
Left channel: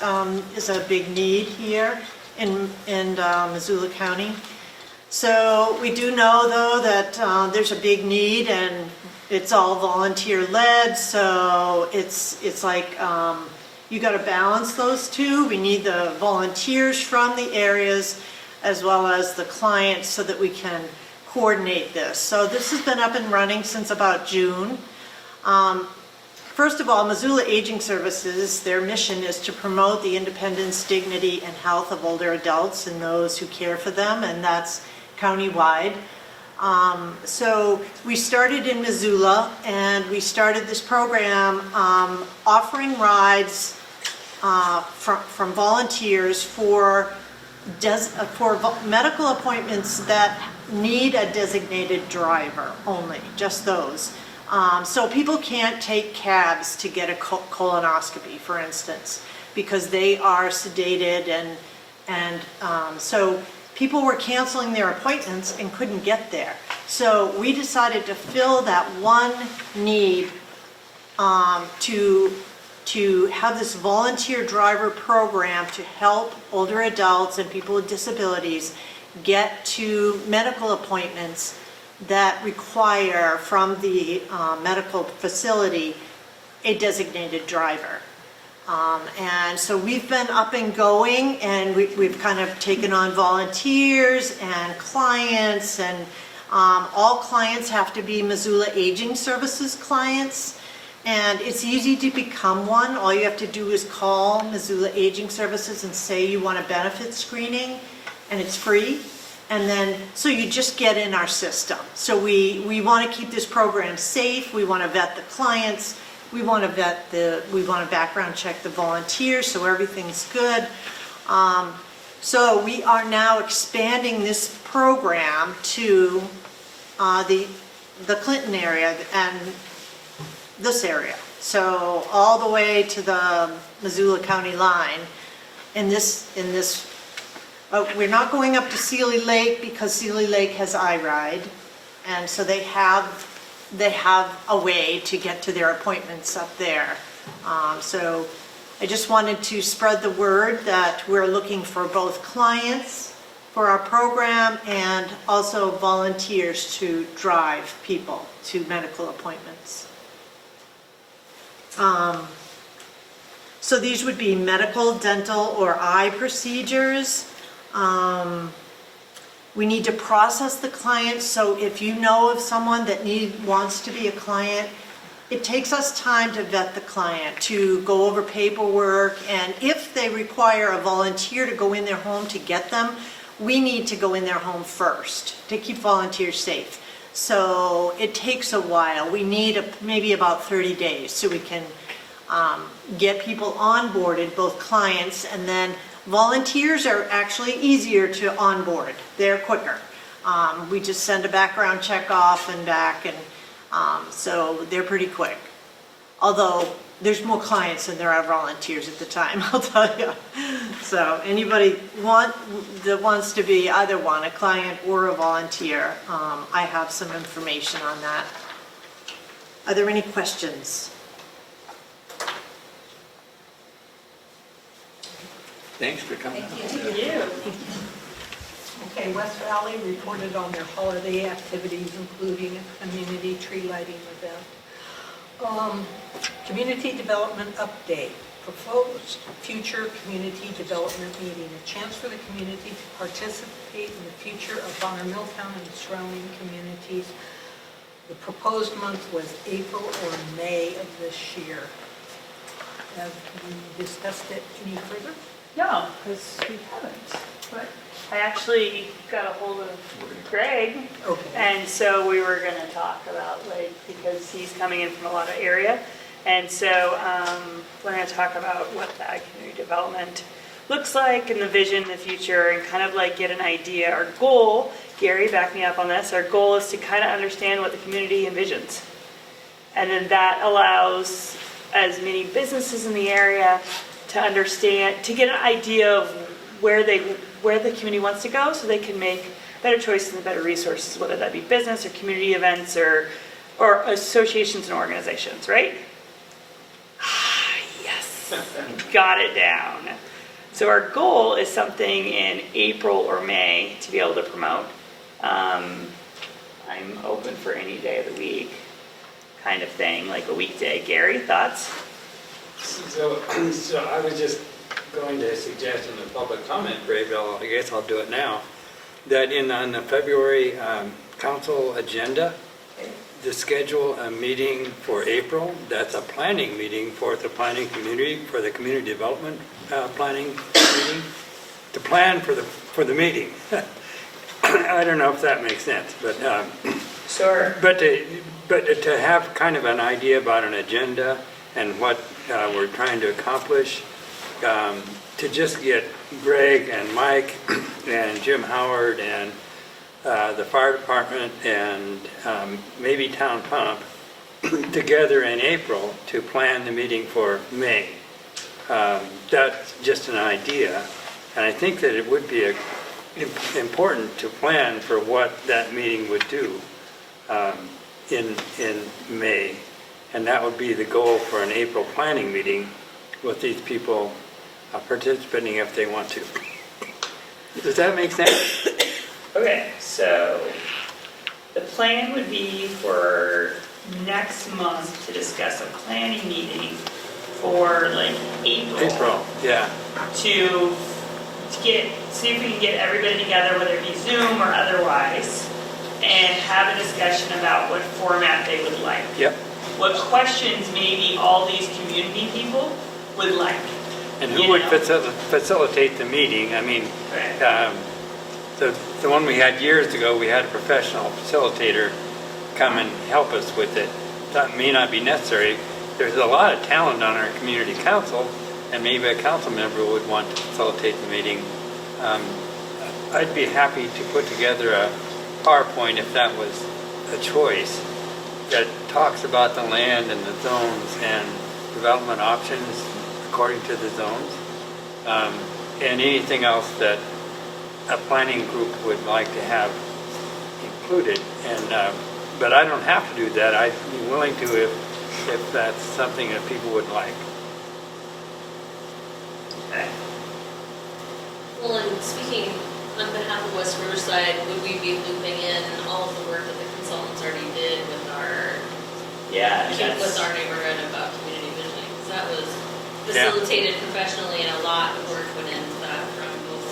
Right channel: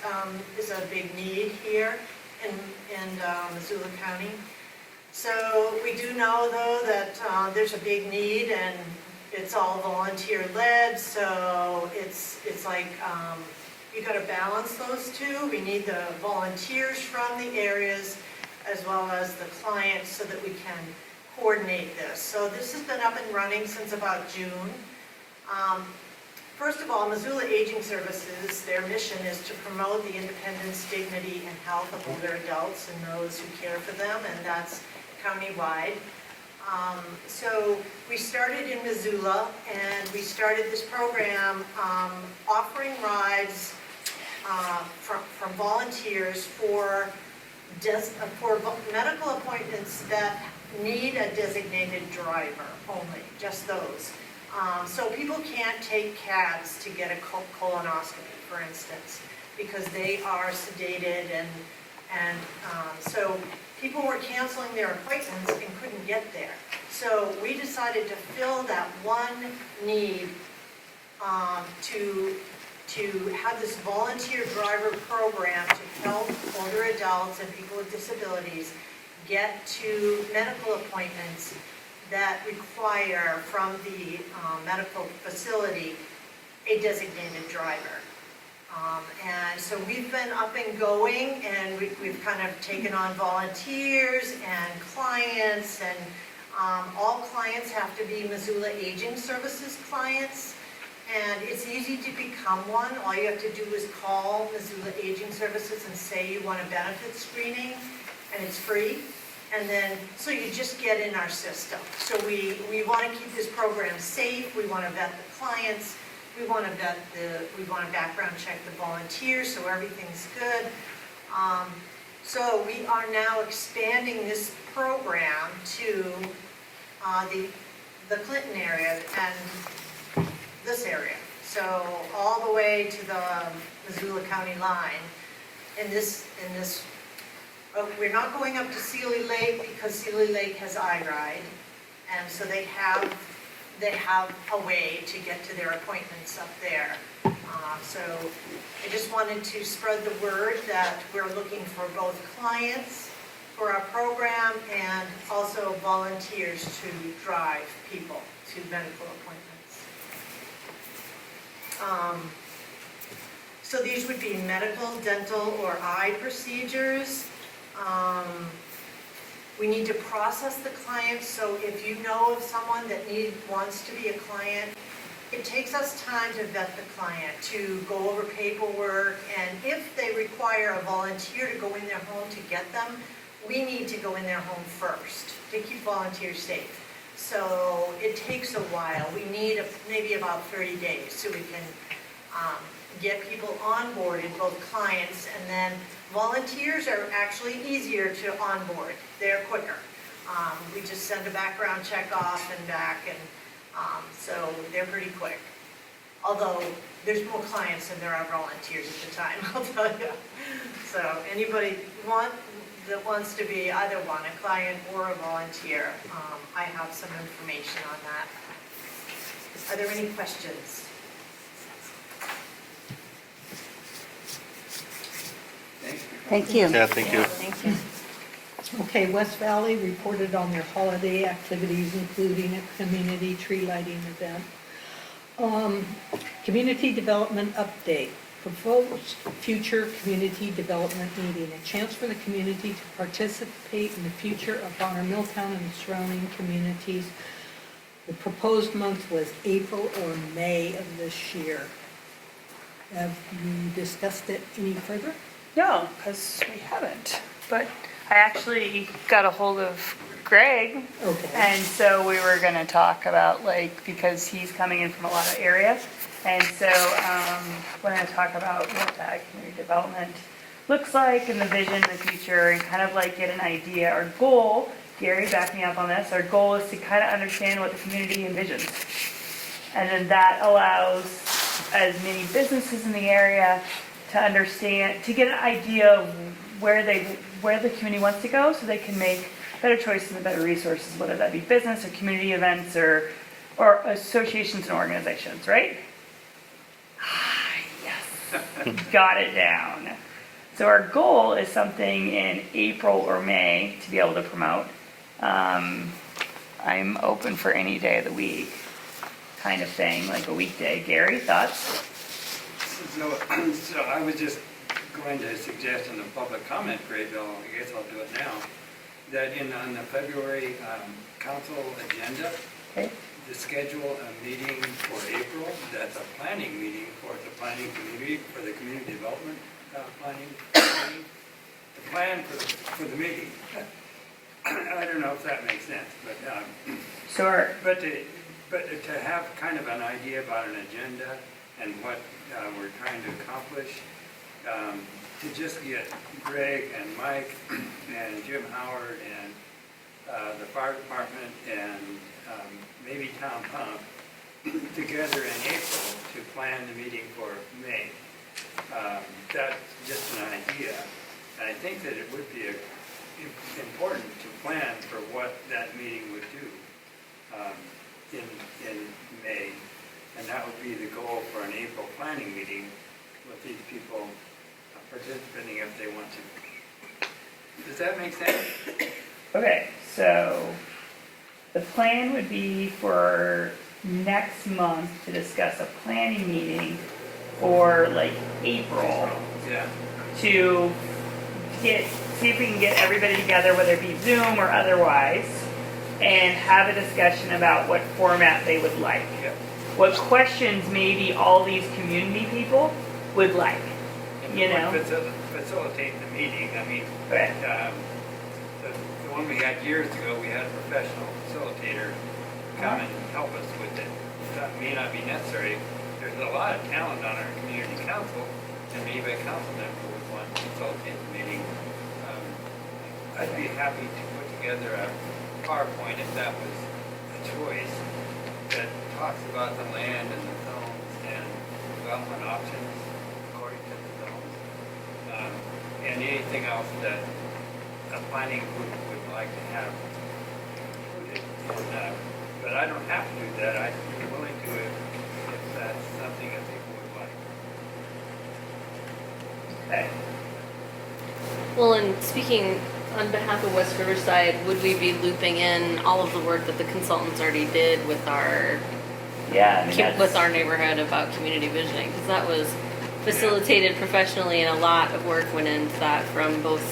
is a big need here in Missoula County. So we do know, though, that there's a big need, and it's all volunteer-led, so it's like you got to balance those two. We need the volunteers from the areas as well as the clients so that we can coordinate this. So this has been up and running since about June. First of all, Missoula Aging Services, their mission is to promote the independence, dignity, and health of older adults and those who care for them, and that's countywide. So we started in Missoula, and we started this program offering rides from volunteers for medical appointments that need a designated driver only, just those. So people can't take cabs to get a colonoscopy, for instance, because they are sedated, and so people were canceling their appointments and couldn't get there. So we decided to fill that one need to have this volunteer driver program to help older adults and people with disabilities get to medical appointments that require from the medical facility a designated driver. And so we've been up and going, and we've kind of taken on volunteers and clients, and all clients have to be Missoula Aging Services clients. And it's easy to become one. All you have to do is call Missoula Aging Services and say you want a benefit screening, and it's free. And then, so you just get in our system. So we want to keep this program safe. We want to vet the clients. We want to background check the volunteers so everything's good. So we are now expanding this program to the Clinton area and this area. So all the way to the Missoula County line in this. We're not going up to Sealy Lake because Sealy Lake has iRide, and so they have a way to get to their appointments up there. So I just wanted to spread the word that we're looking for both clients for our program and also volunteers to drive people to medical appointments. So these would be medical, dental, or eye procedures. We need to process the client, so if you know of someone that wants to be a client, it takes us time to vet the client, to go over paperwork, and if they require a volunteer to go in their home to get them, we need to go in their home first to keep volunteers safe. So it takes a while. We need maybe about 30 days so we can get people onboarded, both clients, and then volunteers are actually easier to onboard. They're quicker. We just send a background check off and back, and so they're pretty quick. Although there's more clients than there are volunteers at the time, I'll tell you. So anybody that wants to be either one, a client or a volunteer, I have some information on that. Are there any questions? Thanks for coming. Thank you. Yeah, thank you. Okay, West Valley reported on their holiday activities, including a community tree lighting event. Community development update, proposed future community development meeting, a chance for the community to participate in the future of Honor Milltown and surrounding communities. The proposed month was April or May of this year. Have you discussed it any further? No, because we haven't, but I actually got a hold of Greg. Okay. And so we were gonna talk about, like, because he's coming in from a lot of area, and so we're gonna talk about what that community development looks like and the vision of the future, and kind of like get an idea. Our goal, Gary, back me up on this, our goal is to kind of understand what the community envisions. And then that allows as many businesses in the area to understand, to get an idea of where the community wants to go, so they can make better choices and better resources, whether that be business or community events or associations and organizations, right? Yes, got it down. So our goal is something in April or May to be able to promote. I'm open for any day of the week, kind of thing, like a weekday. Gary, thoughts? So I was just going to suggest in the public comment period, I guess I'll do it now, that on the February council agenda, Okay. to schedule a meeting for April. That's a planning meeting for the planning community, for the community development planning meeting, to plan for the meeting. I don't know if that makes sense, but Sure. But to have kind of an idea about an agenda and what we're trying to accomplish, to just get Greg and Mike and Jim Howard and the fire department and maybe Town Pump together in April to plan the meeting for May. That's just an idea, and I think that it would be important to plan for what that meeting would do in May, and that would be the goal for an April planning meeting with these people participating if they want to. Does that make sense? Okay, so the plan would be for next month to discuss a planning meeting for like April. Yeah. To get, see if we can get everybody together, whether it be Zoom or otherwise, and have a discussion about what format they would like. Yep. What questions maybe all these community people would like. And you who would know? facilitate the meeting? I mean, Okay. the one we had years ago, we had a professional facilitator come and help us with it. That may not be necessary. There's a lot of talent on our community council, and maybe a council member would want to facilitate the meeting. I'd be happy to put together a PowerPoint if that was a choice that talks about the land and the zones and development options according to the zones, and anything else that a planning group would like to have included. And but I don't have to do that. I'd be willing to if that's something that people would like. Okay. Well, and speaking on behalf of West Riverside, would we be looping in all of the work that the consultants already did with our Yeah, I mean, that's- with our neighborhood about community visioning? Because that was facilitated professionally, and a lot of work went into that from both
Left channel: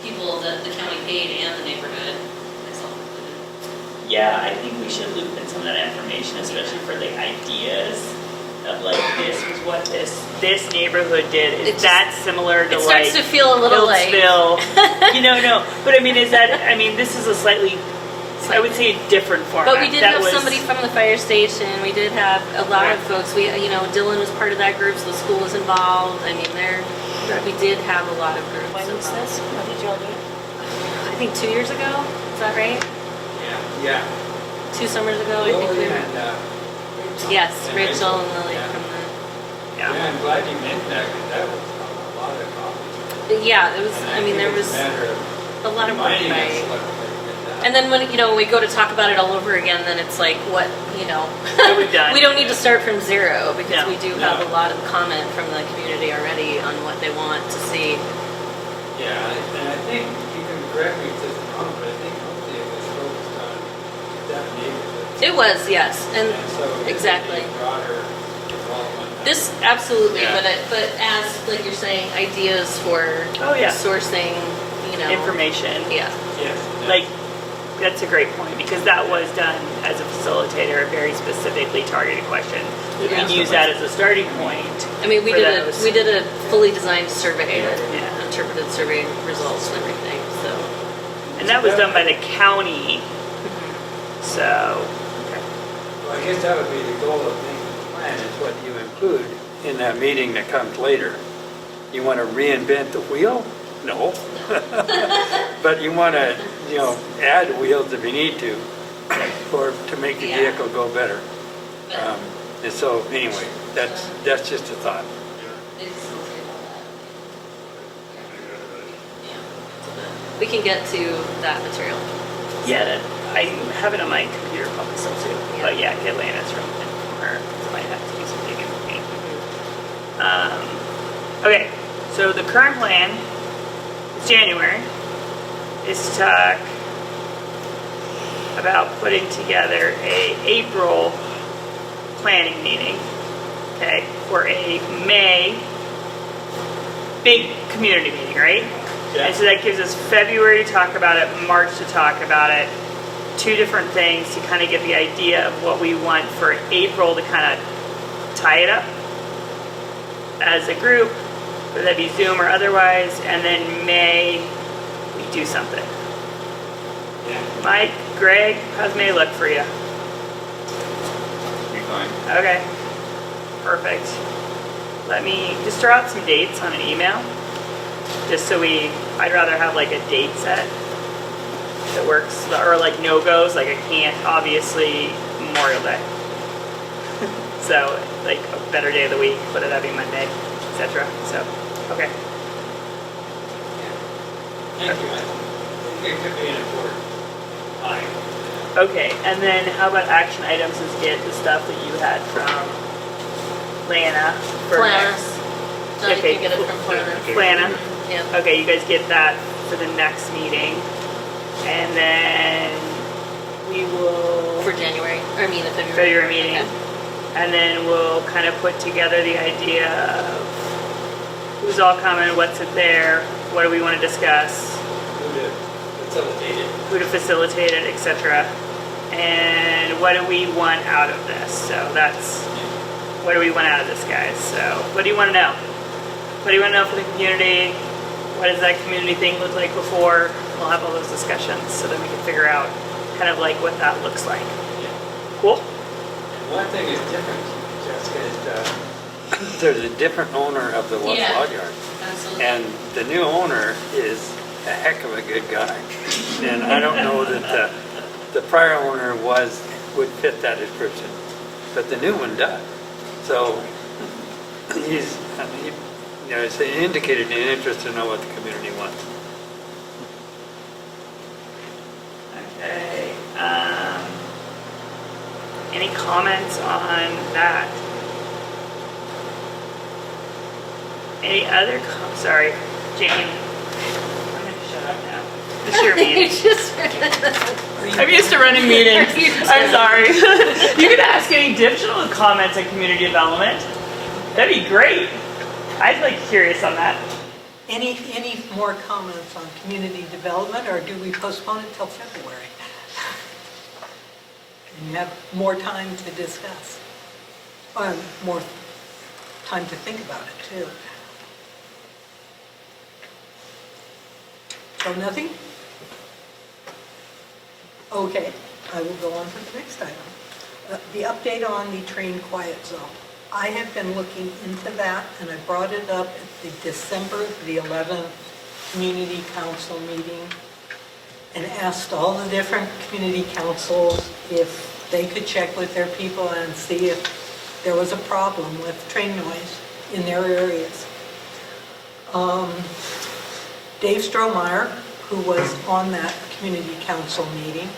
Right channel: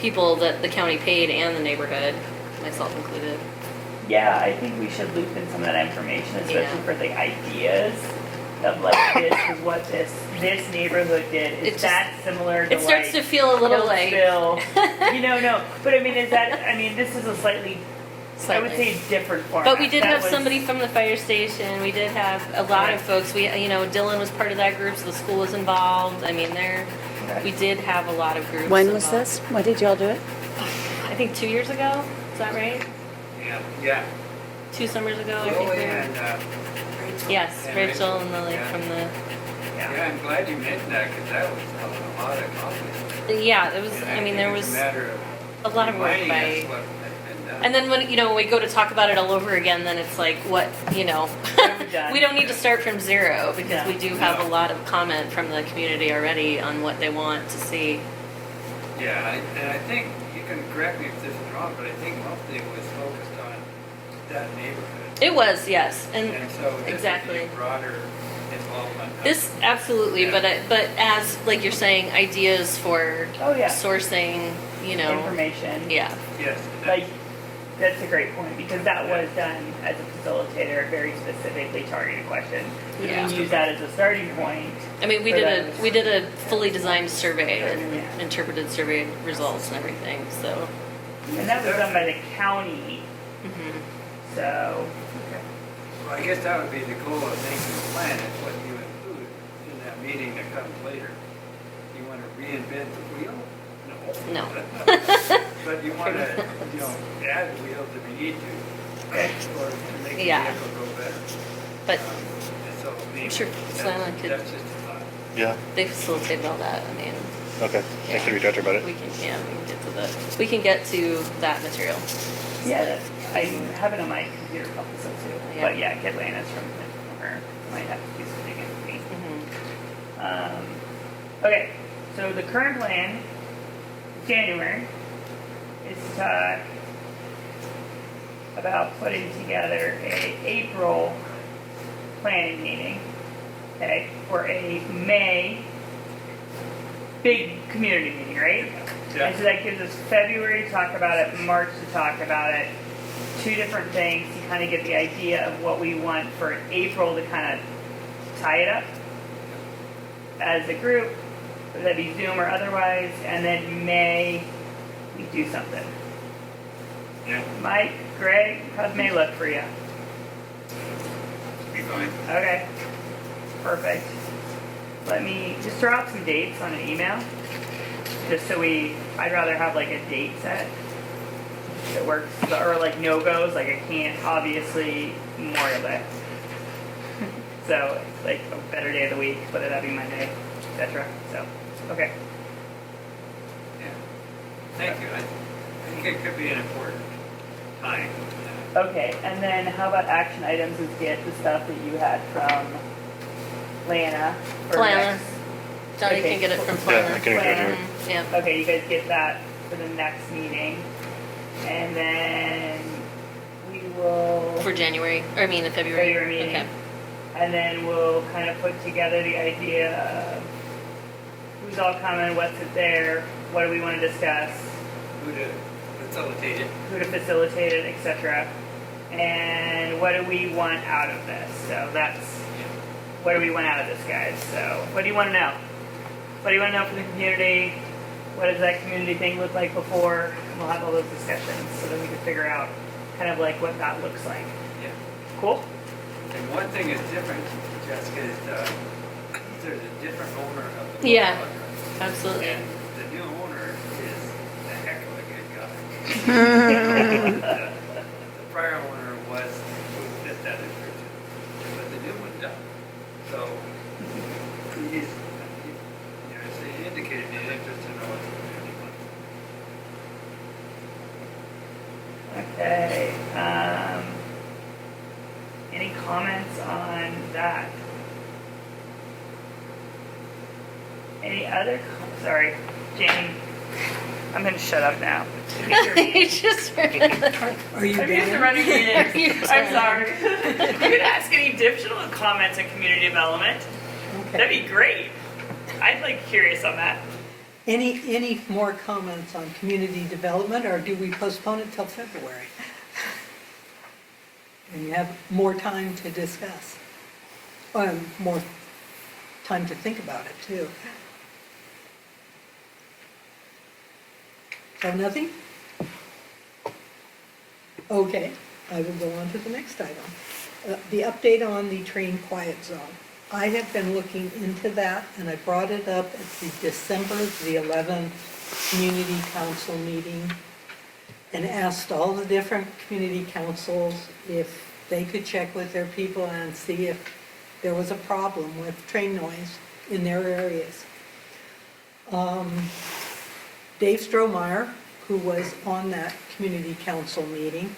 people that the county paid and the neighborhood, myself included. Yeah, I think we should loop in some of that information, especially for the ideas of like, this is what this neighborhood did. It Is just- that similar to it like starts to feel a little like- Hillsville? No. But I mean, this is a slightly, I would say, different format. But we did That have was- somebody from the fire station. We did have a lot of folks. Dylan was part of that group, so the school was involved. I mean, we did have a lot of groups. When was involved. this? When did y'all do it? I think 2 years ago. Is that right? Yeah. 2 summers ago, I think. Lily we were- and Yes, and Rachel and Lily yeah. from the. Yeah, I'm glad you mentioned that because that was a lot of coffee. Yeah, it was. And I mean, there think was it's a matter of a lot of work reminding us by. what has been done. And then when we go to talk about it all over again, then it's like what What we've done. we don't need to start from zero because No. we do have a lot of comment from the community already on what they want to see. Yeah, and I think, you can correct me if this is wrong, but I think mostly it was focused on that neighborhood. It was, yes, and so this exactly. would be broader involvement. This absolutely, Yeah. but as like you're saying, ideas for Oh, yeah. sourcing, information. Yeah. Yes. Like, that's a great point, because that was done as a facilitator, a very specifically targeted question. We can Yeah. use that as a starting point. I mean, we for did those. a fully designed survey and Yeah. interpreted survey results and everything. So And that was done by the county, so, Well, I guess that would be the goal of making a plan, is what you include in that meeting that comes later. You want to reinvent the wheel? No. no. But you want to, add wheels if you need to, or to make the Yeah. vehicle go better. But And so, anyway, Sure. that's just a thought. Yeah, they facilitated all that. I mean, okay. I can reach out to her about it. we can get to that material. yeah, I have it on my computer probably still too. Yeah. But yeah, get Lana's from her, because I might have to do some digging for me. Okay, so the current plan is January, is to talk about putting together a April planning meeting, okay, for a May big community meeting, right? Yeah. And so that gives us February to talk about it, March to talk about it, 2 different things to kind of get the idea of what we want for April to kind of tie it up as a group, whether that be Zoom or otherwise, and then May, we do something. Yeah. Mike, Greg, how's May look for you? Be fine. Okay, perfect. Let me just throw out some dates on an email, just so I'd rather have like a date set that works, or like no-goes, like I can't, obviously, Memorial Day. So, like a better day of the week, whether that be Monday, etc. So, okay. Thank you. I think it could be an important time. Okay, and then how about action items is get the stuff that you had from Lana for Lana. next. Johnny Okay, can get it from Yeah, I Planner. can- Lana. Yeah. Okay, you guys get that for the next meeting. And then we will. For January, or I mean the February. February meeting. Okay. And then we'll kind of put together the idea of who's all coming, what's it there, what do we want to discuss, Who to facilitate it? who to facilitate it, etc. And what do we want out of this? So that's, what do we want out of this, guys? So what do you want to know? What do you want to know for the community? What does that community thing look like before? We'll have all those discussions so that we can figure out kind of like what that looks like. Cool? And one thing is different, Jessica, is there's a different owner of the West Yeah. Log Yard. Absolutely. And the new owner is a heck of a good guy. And I don't know that the prior owner would fit that description, but the new one does. So he's, it's indicated an interest to know what the community wants. Okay. Any comments on that? Any other, sorry, Jane, I'm gonna shut up now. It's your meeting. I'm used to running meetings. I'm sorry. You can ask any additional comments on community development. That'd be great. I'd like curious on that. Any more comments on community development, or do we postpone it till February? And you have more time to discuss, more time to think about it too. So nothing? Okay, I will go on to the next item. The update on the train quiet zone. I have been looking into that, and I brought it up at the December the 11th Community Council meeting and asked all the different community councils if they could check with their people and see if there was a problem with train noise in their areas. Dave Strohmeyer, who was on that community council meeting,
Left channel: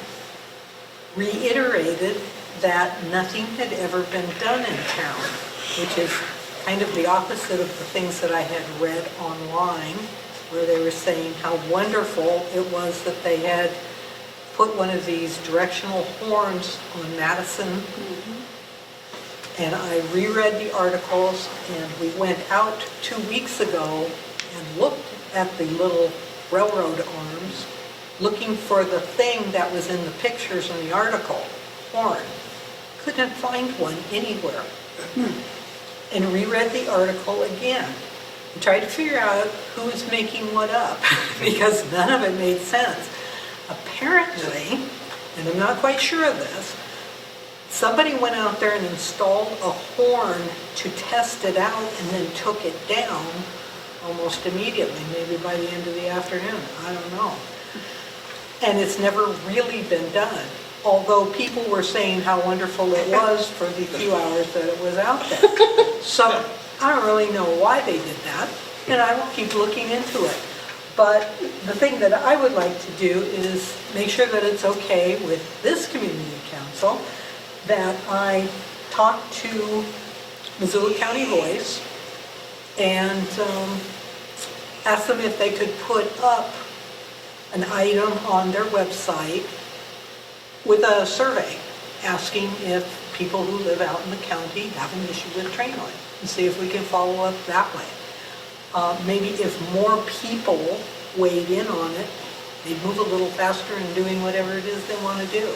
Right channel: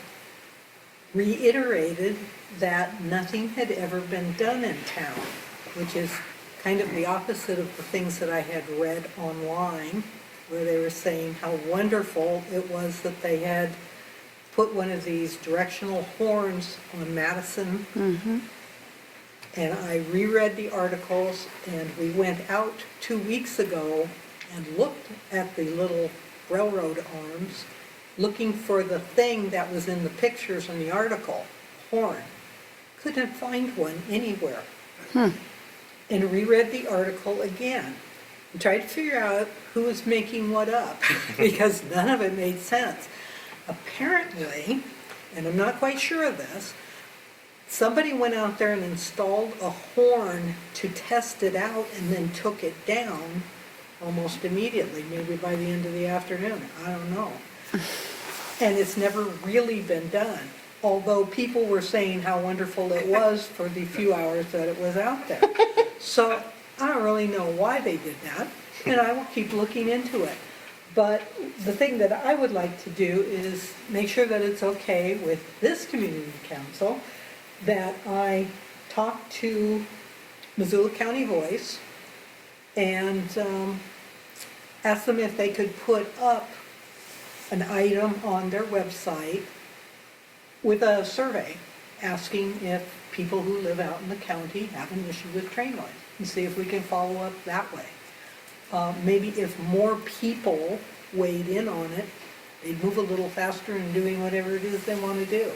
reiterated that nothing had ever been done in town, which is kind of the opposite of the things that I had read online, where they were saying how wonderful it was that they had put one of these directional horns on Madison. And I reread the articles, and we went out 2 weeks ago and looked at the little railroad arms, looking for the thing that was in the pictures in the article, horn. Couldn't find one anywhere. And reread the article again and tried to figure out who was making what up because none of it made sense. Apparently, and I'm not quite sure of this, somebody went out there and installed a horn to test it out and then took it down almost immediately, maybe by the end of the afternoon. I don't know. And it's never really been done, although people were saying how wonderful it was for the few hours that it was out there. So I don't really know why they did that, and I will keep looking into it. But the thing that I would like to do is make sure that it's okay with this community council that I talk to Missoula County Voice and ask them if they could put up an item on their website with a survey asking if people who live out in the county have an issue with train noise, and see if we can follow up that way. Maybe if more people weighed in on it, they'd move a little faster in doing whatever it is they want to do.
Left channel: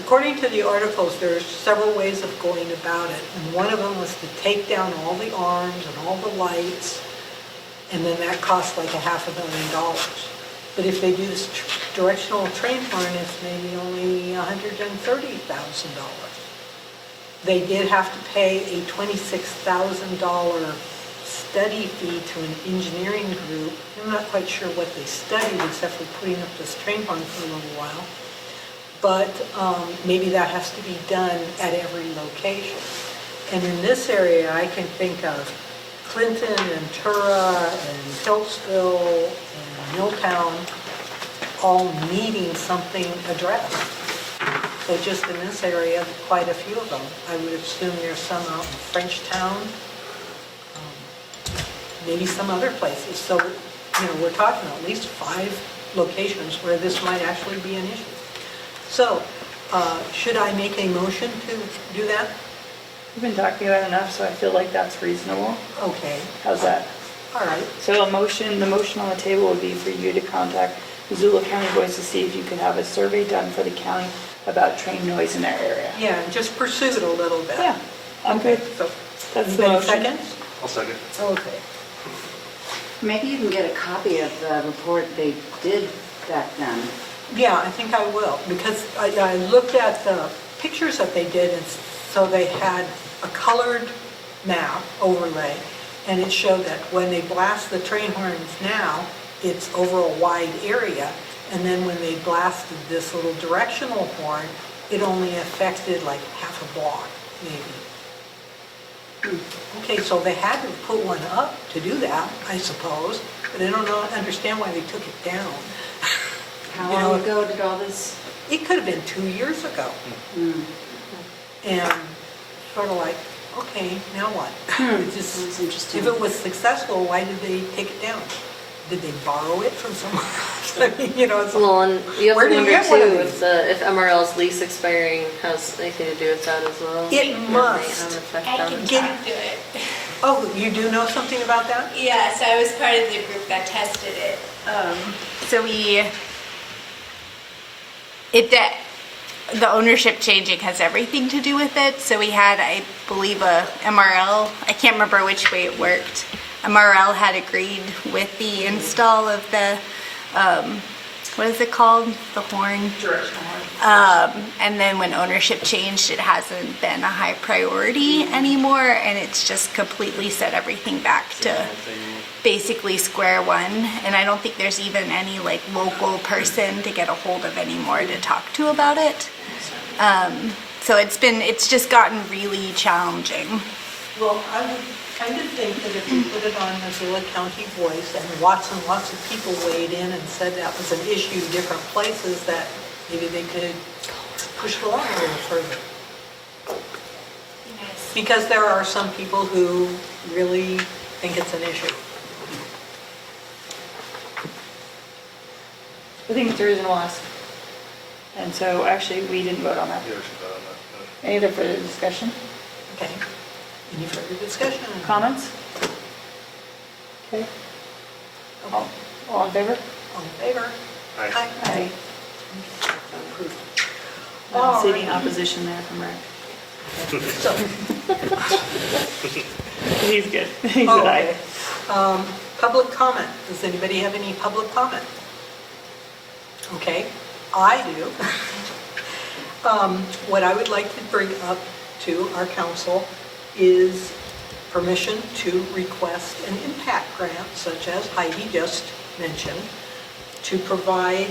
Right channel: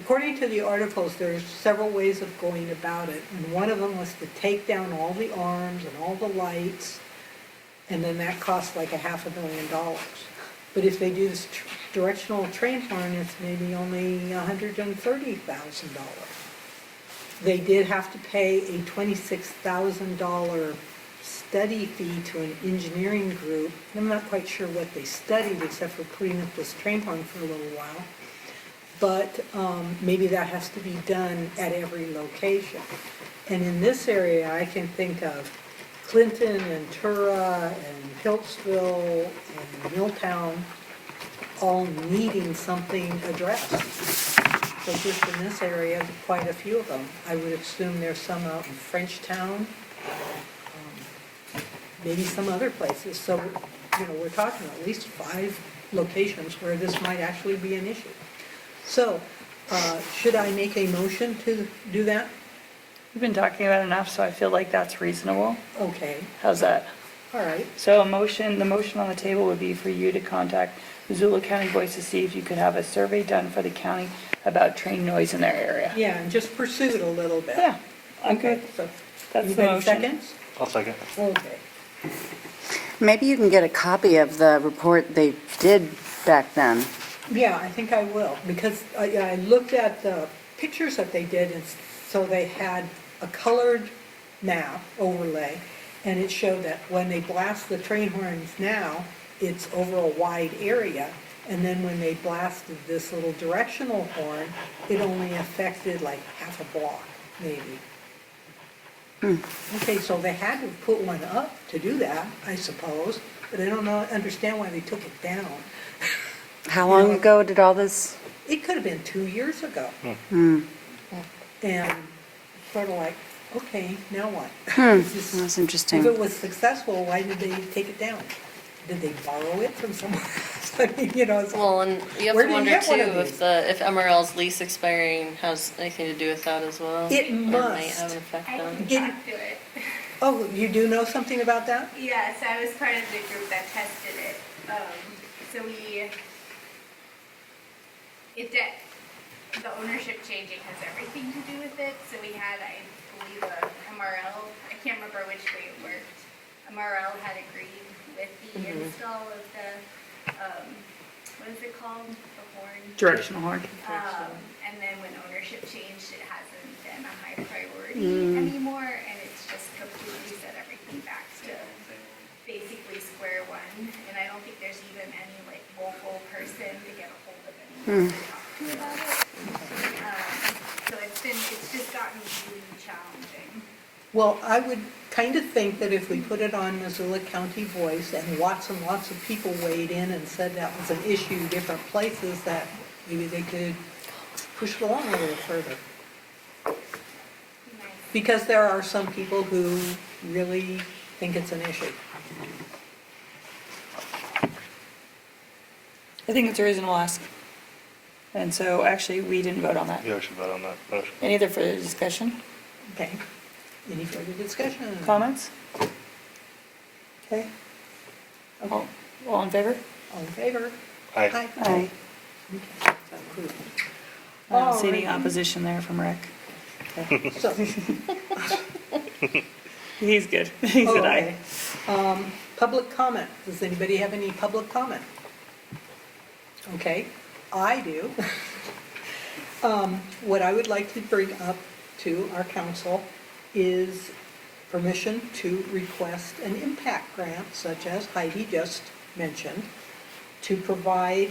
According to the articles, there's several ways of going about it, and one of them was to take down all the arms and all the lights, and then that cost like $500,000. But if they do this directional train horn, it's maybe only $130,000. They did have to pay a $26,000 study fee to an engineering group. I'm not quite sure what they studied except for putting up this train horn for a little while. But maybe that has to be done at every location. And in this area, I can think of Clinton and Tura and Hiltsville and Milltown all needing something addressed. So just in this area, quite a few of them. I would assume there's some out in Frenchtown, maybe some other places. So, we're talking at least 5 locations where this might actually be an issue. So, should I make a motion to do that? We've been talking about it enough, so I feel like that's reasonable. Okay, How's that? all right. So the motion on the table would be for you to contact Missoula County Boys to see if you could have a survey done for the county about train noise in their area. Yeah, and just pursue it a little bit. Yeah, Okay, okay, so, that's the anybody motion. seconds? I'll second. Okay. Maybe you can get a copy of the report they did back then. Yeah, I think I will, because I looked at the pictures that they did, and so they had a colored map overlay, and it showed that when they blast the train horns now, it's over a wide area, and then when they blasted this little directional horn, it only affected like half a block, maybe. Okay, so they had to put one up to do that, I suppose, but I don't understand why they took it down. How You long know, ago did all this? It could have been 2 years ago. And sort of like, okay, now what? It's just- That's interesting. If it was successful, why did they take it down? Did they borrow it from somewhere else? I mean, you know, it's like, Well, and you have Where to do you wonder get one of too these? if MRL's lease expiring has anything to do with that as well. It might must. have an effect I on can it. Get- talk to it. oh, you do know something about that? Yes, I was part of the group that tested it. So the ownership changing has everything to do with it. So we had, I believe, a MRL, I can't remember which way it worked. MRL had agreed with the install of the, what is it called? The horn? Directional horn. And then when ownership changed, it hasn't been a high priority anymore, and it's just completely set everything back to basically square one. And I don't think there's even any like local person to get a hold of anymore to talk to about it. So it's just gotten really challenging. Well, I would kind of think that if we put it on Missoula County Voice and lots of people weighed in and said that was an issue, different places, that maybe they could push the line a little further. Because there are some people who really think it's an issue. I think it's a reasonable ask. And so actually, we didn't vote on that. You actually vote on that motion. Any other further discussion? Okay. Any further discussion? Comments? Okay. All in favor? All in favor? Aye. Aye. Approved. I don't see any opposition there from Rick. So, He's good. He's an aye. okay. Public comment. Does anybody have any public comment? Okay, I do. What I would like to bring up to our council is permission to request an impact grant, such as Heidi just mentioned, to provide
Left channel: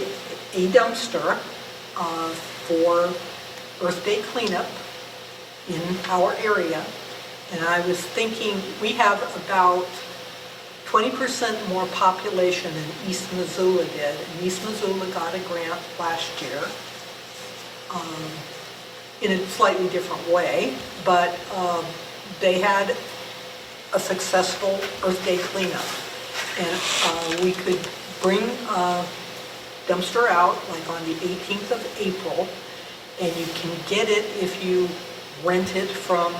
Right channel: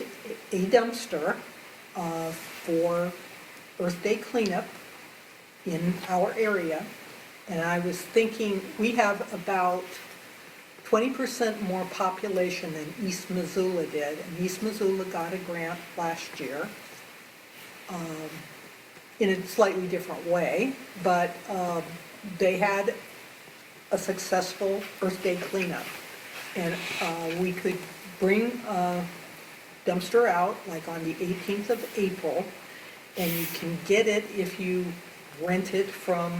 a dumpster for Earth Day cleanup in our area. And I was thinking, we have about 20% more population than East Missoula did. And East Missoula got a grant last year in a slightly different way, but they had a successful Earth Day cleanup. And we could bring a dumpster out like on the 18th of April, and you can get it if you rent it from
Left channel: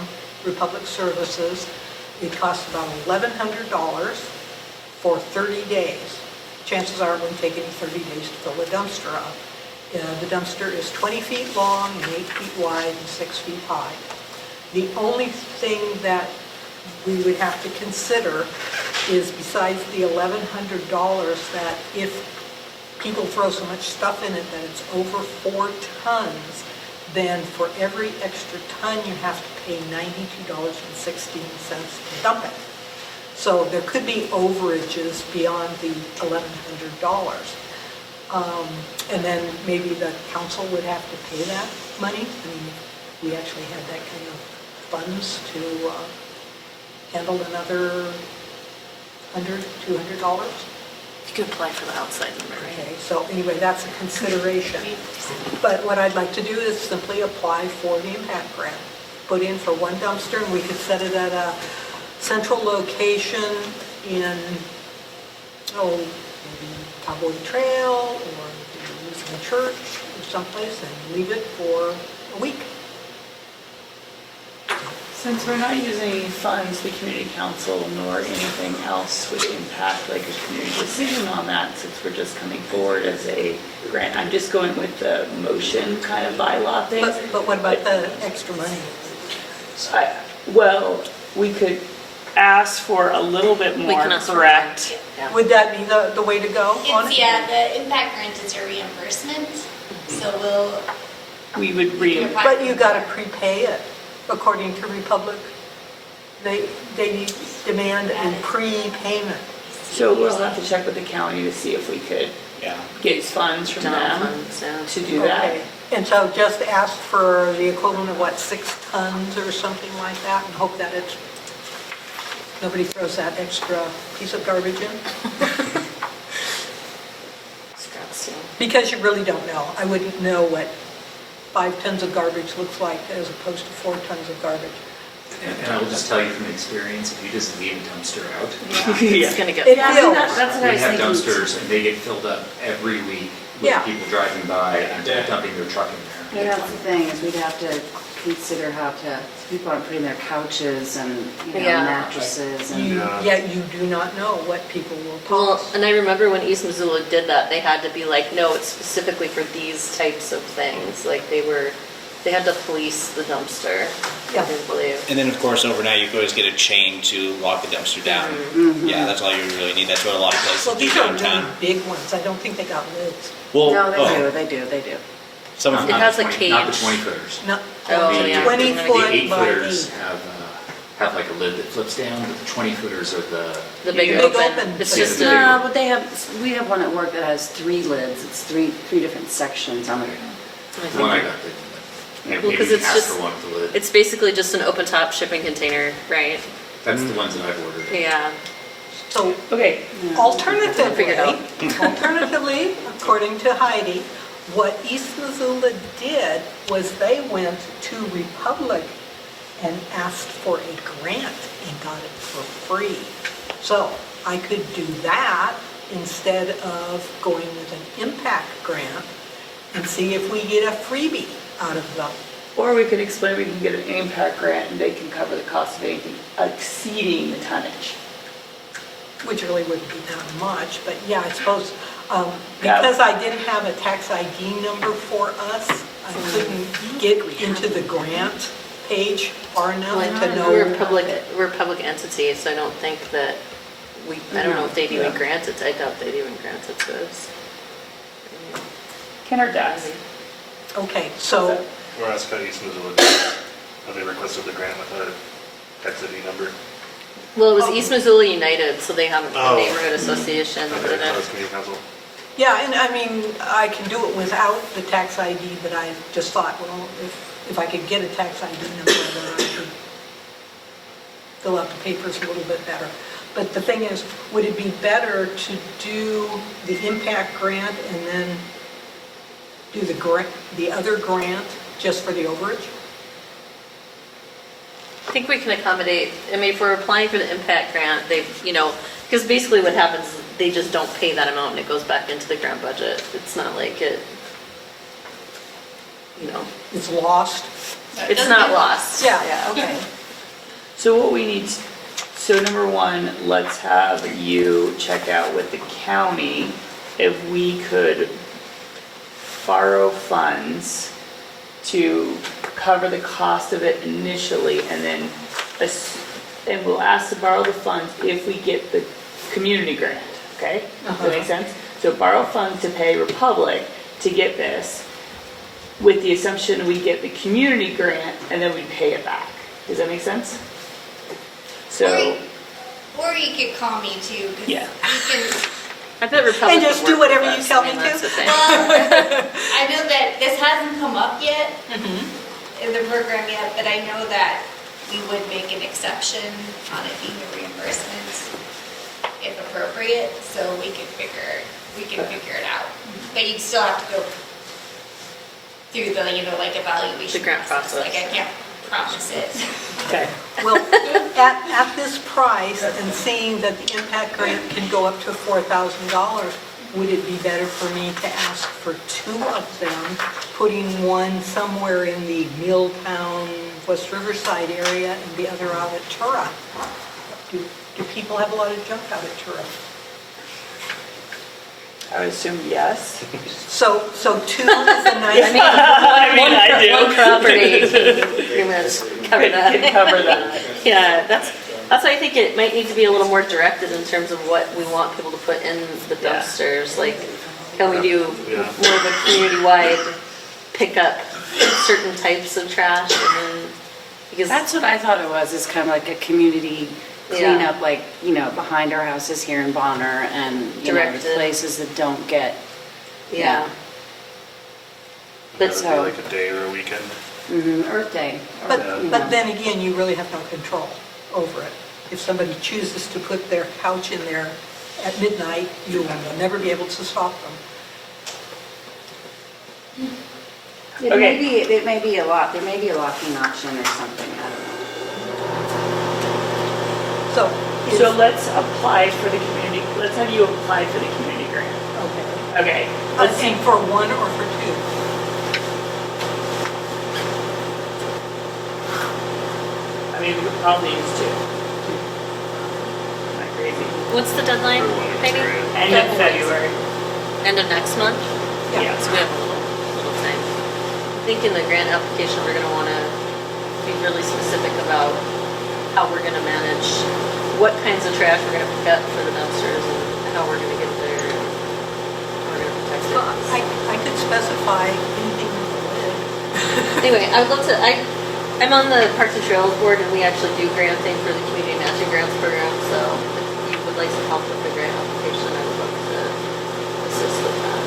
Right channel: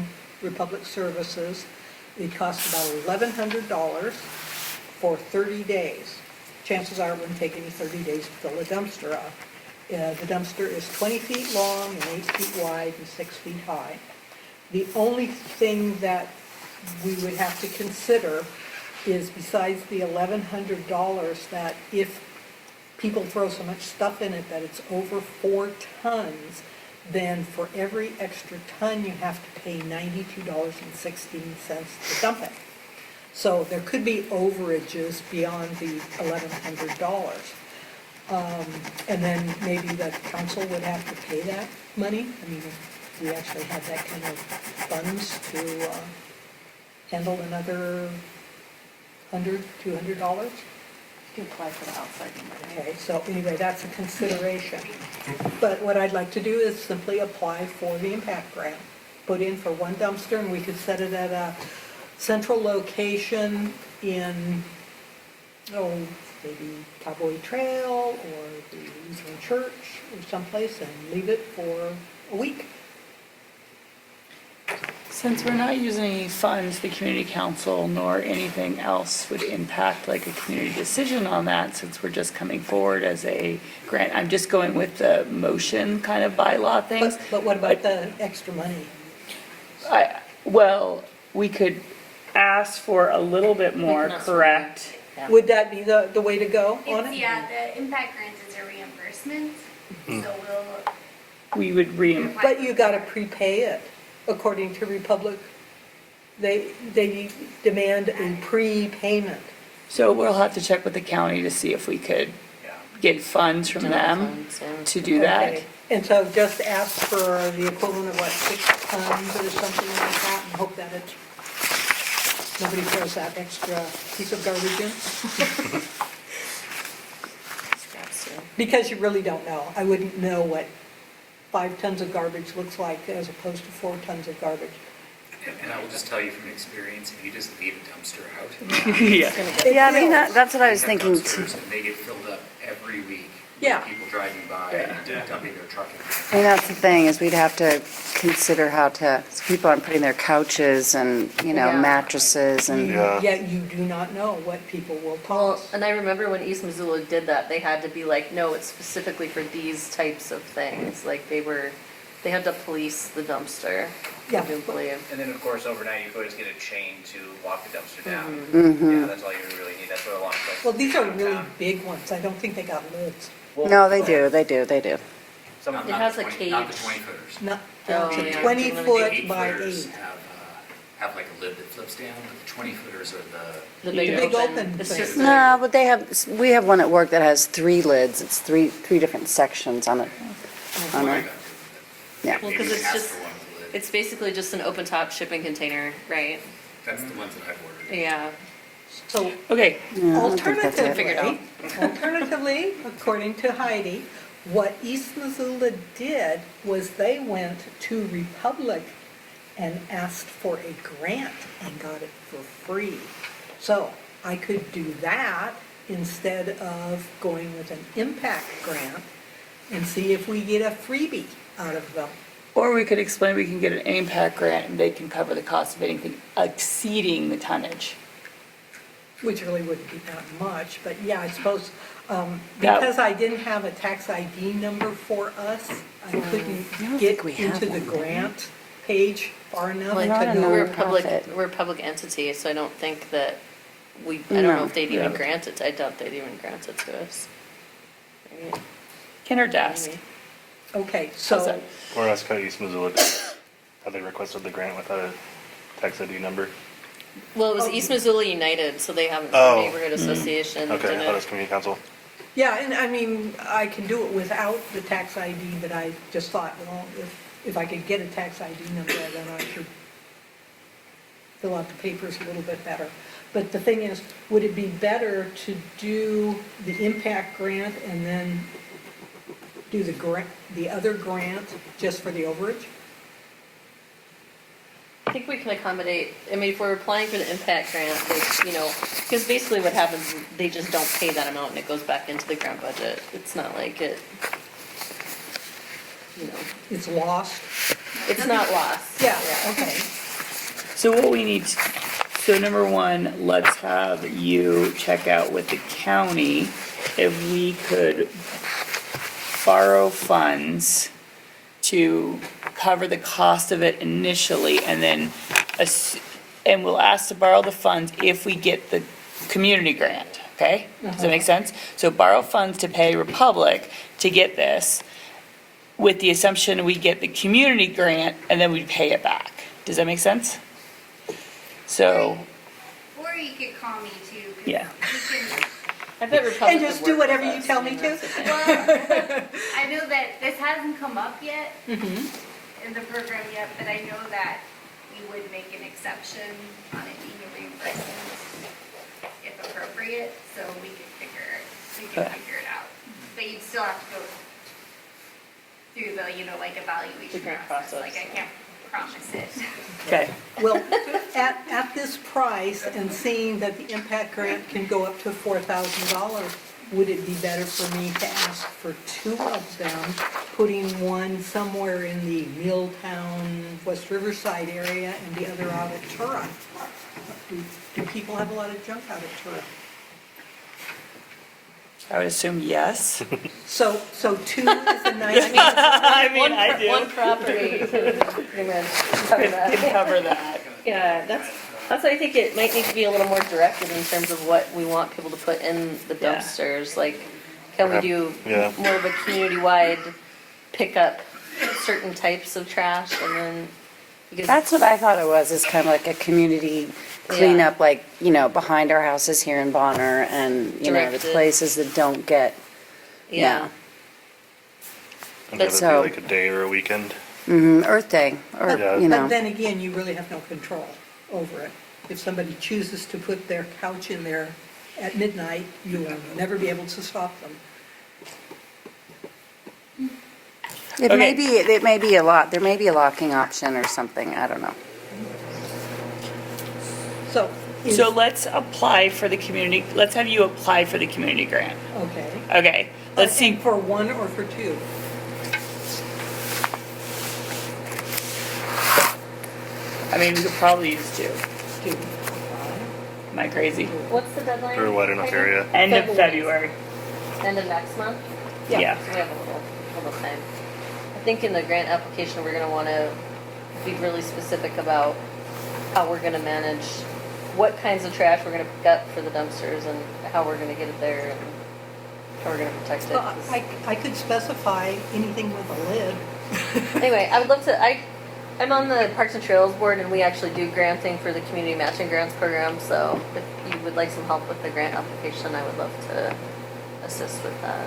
Republic Services. It costs about $1,100 for 30 days. Chances are it wouldn't take any 30 days to fill the dumpster up. The dumpster is 20 feet long and 8 feet wide and 6 feet high. The only thing that we would have to consider is, besides the $1,100, that if people throw so much stuff in it that it's over 4 tons, then for every extra ton you have to pay $92.16 to dump it. So there could be overages beyond the $1,100. And then maybe the council would have to pay that money. I mean, if we actually had that kind of funds to handle another $100, $200. You could apply for the outside number. Okay, so anyway, that's a consideration. But what I'd like to do is simply apply for the impact grant. Put in for one dumpster, and we could set it at a central location in, maybe Cowboy Trail or the Lutheran Church or someplace and leave it for a week. Since we're not using any funds, the community council, nor anything else would impact like a community decision on that, since we're just coming forward as a grant, I'm just going with the motion kind of bylaw things. But what about the extra money? Well, we could ask for a little bit more, can ask for correct? Would that be the way to go on It's, it? yeah, the impact grant is your reimbursement, so we'll. We would But you gotta prepay it, according to Republic. They demand a prepayment. So we'll have to check with the county to see if we could Yeah. get funds from General them funds, yeah. to do that. Okay. And so just ask for the equivalent of what, 6 tons or something like that, and hope that it's, nobody throws that extra piece of garbage in? Scrap steel. Because you really don't know. I wouldn't know what 5 tons of garbage looks like as opposed to 4 tons of garbage. And I will just tell you from experience, if you just leave a dumpster out, It's gonna get. Yeah, I mean, that's what I we was have thinking. dumpsters and they get filled up every week Yeah. with people driving by and dumping their truck in the And that's the thing, is we'd have to consider how to, people aren't putting their couches and, Yeah. mattresses and. Yet you do not know what people will Well, toss. and I remember when East Missoula did that, they had to be like, no, it's specifically for these types of things. Like they had to police the dumpster, Yeah. I do believe. And then, of course, overnight, you could always get a chain to lock the dumpster down. Mm-hmm. Yeah, that's all you really need. That's what a lot of places Well, do these are really downtown. big ones. I don't think they got lids. Well, No, oh, they do. Some of It them. has a Not the cage. 20 footers. No, Oh, yeah. 20 The foot 8 by footers 8. have like a lid that flips down, but the 20 footers are The big Big open. open. It's Yeah. just No, a, but we have one at work that has 3 lids. It's three different sections on it. one I got. Yeah. Maybe because you it's ask just- for one with the lid. it's basically just an open top shipping container, right? That's the ones that I've ordered. Yeah. So Okay, Alternatively, according to Heidi, what East Missoula did was they went to Republic and asked for a grant and got it for free. So I could do that instead of going with an impact grant and see if we get a freebie out of them. or we could explain we can get an impact grant and they can cover the cost of anything exceeding the tonnage. Which really wouldn't be that much, but yeah, I suppose, because I didn't have a tax ID number for us, I couldn't get into the grant page far enough to know. We're a public entity, so I don't think that I don't know if they'd even grant it, I doubt they'd even grant it to us. Can our desk? Okay, so, Or ask how East Missoula did. Have they requested the grant with a tax ID number? Well, it was East Missoula United, so they have Oh. a neighborhood association that Okay, did that was it. community council. yeah, and I mean, I can do it without the tax ID, but I just thought, well, if I could get a tax ID number, then I could fill out the papers a little bit better. But the thing is, would it be better to do the impact grant and then do the other grant just for the overage? I think we can accommodate, I mean, if we're applying for the impact grant, because basically what happens, they just don't pay that amount and it goes back into the grant budget. It's not like It's lost? it's not lost. Yeah, okay. So what we need, so number one, let's have you check out with the county if we could borrow funds to cover the cost of it initially, and then, and we'll ask to borrow the funds if we get the community grant, okay? Does that make sense? So borrow funds to pay Republic to get this, with the assumption we get the community grant, and then we pay it back. Does that make sense? So, Or you could call me too, 'cause Yeah. we can, I bet Republic And just would do work whatever with you us. tell I mean, me that's to. the thing. well, I know that this hasn't come up yet in the program yet, but I know that we would make an exception on it being a reimbursement if appropriate, so we can figure it out. But you'd still have to go through the, evaluation The grant process. Like, I can't promise it. okay. Well, at this price and seeing that the impact grant can go up to $4,000, would it be better for me to ask for 2 of them, putting one somewhere in the Milltown, West Riverside area and the other out at Tura? Do people have a lot of junk out at Tura? I would assume yes. So 2 is a nice. I do. One property agreement cover that. Could cover that. Yeah, that's why I think it might need to be a little more directed in terms of what we want people to put in the Yeah. dumpsters. Like, can we do Yeah. more of a community-wide pickup certain types of trash and then, because. That's what I thought it was, is kind of like a community cleanup, like, you know, behind our houses here in Bonner and, you know, Directed. places that don't get, Yeah. Would that so- be like a day or a weekend? Earth Day, or, But you know. then again, you really have no control over it. If somebody chooses to put their couch in there at midnight, you'll never be able to stop them. It may be a lot, there may be a locking option or something, I don't know. So, So let's apply for the community, let's have you apply for the community grant. okay. Okay, Let's let's see, see, for 1 or for 2? I mean, we probably use 2. Am I crazy? What's the deadline, For what in this Megan? area? End of February. End of next month? Yeah. So we have a little time. I think in the grant application, we're gonna wanna be really specific about how we're gonna manage, what kinds of trash we're gonna pick up for the dumpsters and how we're gonna get it there and how we're gonna protect Well, it. I could specify anything with a lid. Anyway, I would love to, I'm on the Parks and Trails board and we actually do granting for the community matching grants program, so if you would like some help with the grant application, I would love to assist with that.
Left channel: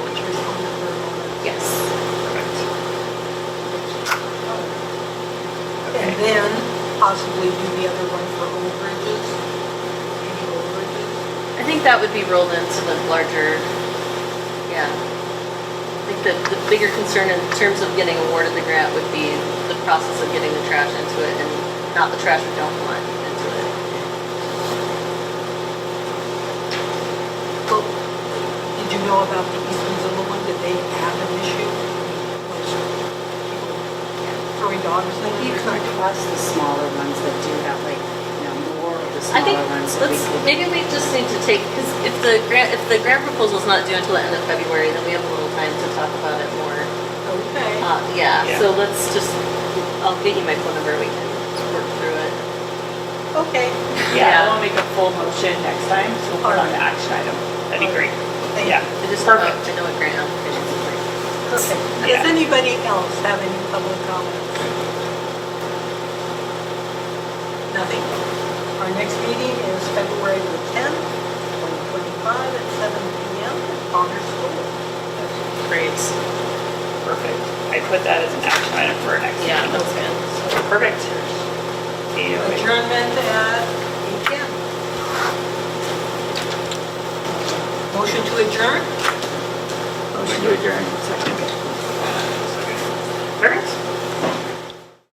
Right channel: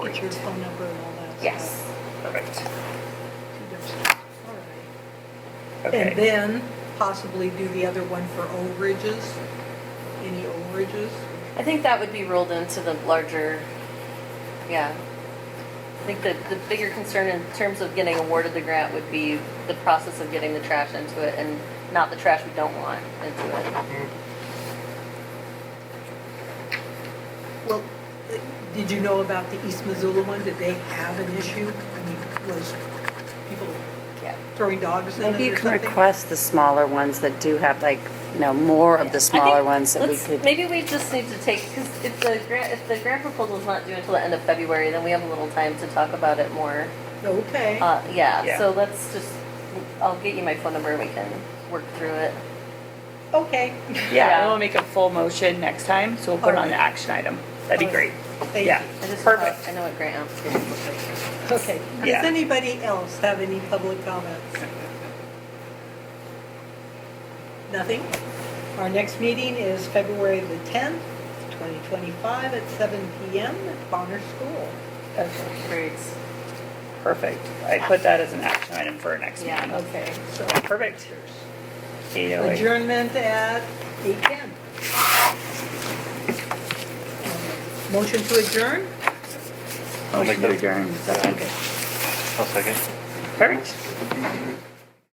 What's your phone number and all that? Yes. And then possibly do the other one for overages, any overages. I think that would be rolled into the larger, yeah. I think that the bigger concern in terms of getting awarded the grant would be the process of getting the trash into it and not the trash we don't want into it. Well, did you know about the East Missoula one? Did they have an issue? I mean, those people throwing dogs in it You or could something? request the smaller ones that do have like, you know, more of the smaller ones that we could. Maybe we just need to take, because if the grant proposal is not due until the end of February, then we have a little time to talk about it more. Okay. Yeah, Yeah. so let's just, I'll get you my phone number, we can work through it. Okay. Yeah, we'll make a full motion next time, so we'll put it on the action item. That'd be great. Thank Yeah. I just don't know, I know what grant applications look like. Okay. Yeah. Does anybody else have any public comments? Nothing? Our next meeting is February the 10th, 2025 at 7 p.m. at Bonner School. That's great. Perfect. I put that as an action item for our next meeting. Yeah, that's good. So, perfect. See you. Adjournment at 8 p.m. Motion to adjourn? Motion to adjourn. I'll second. Perfect.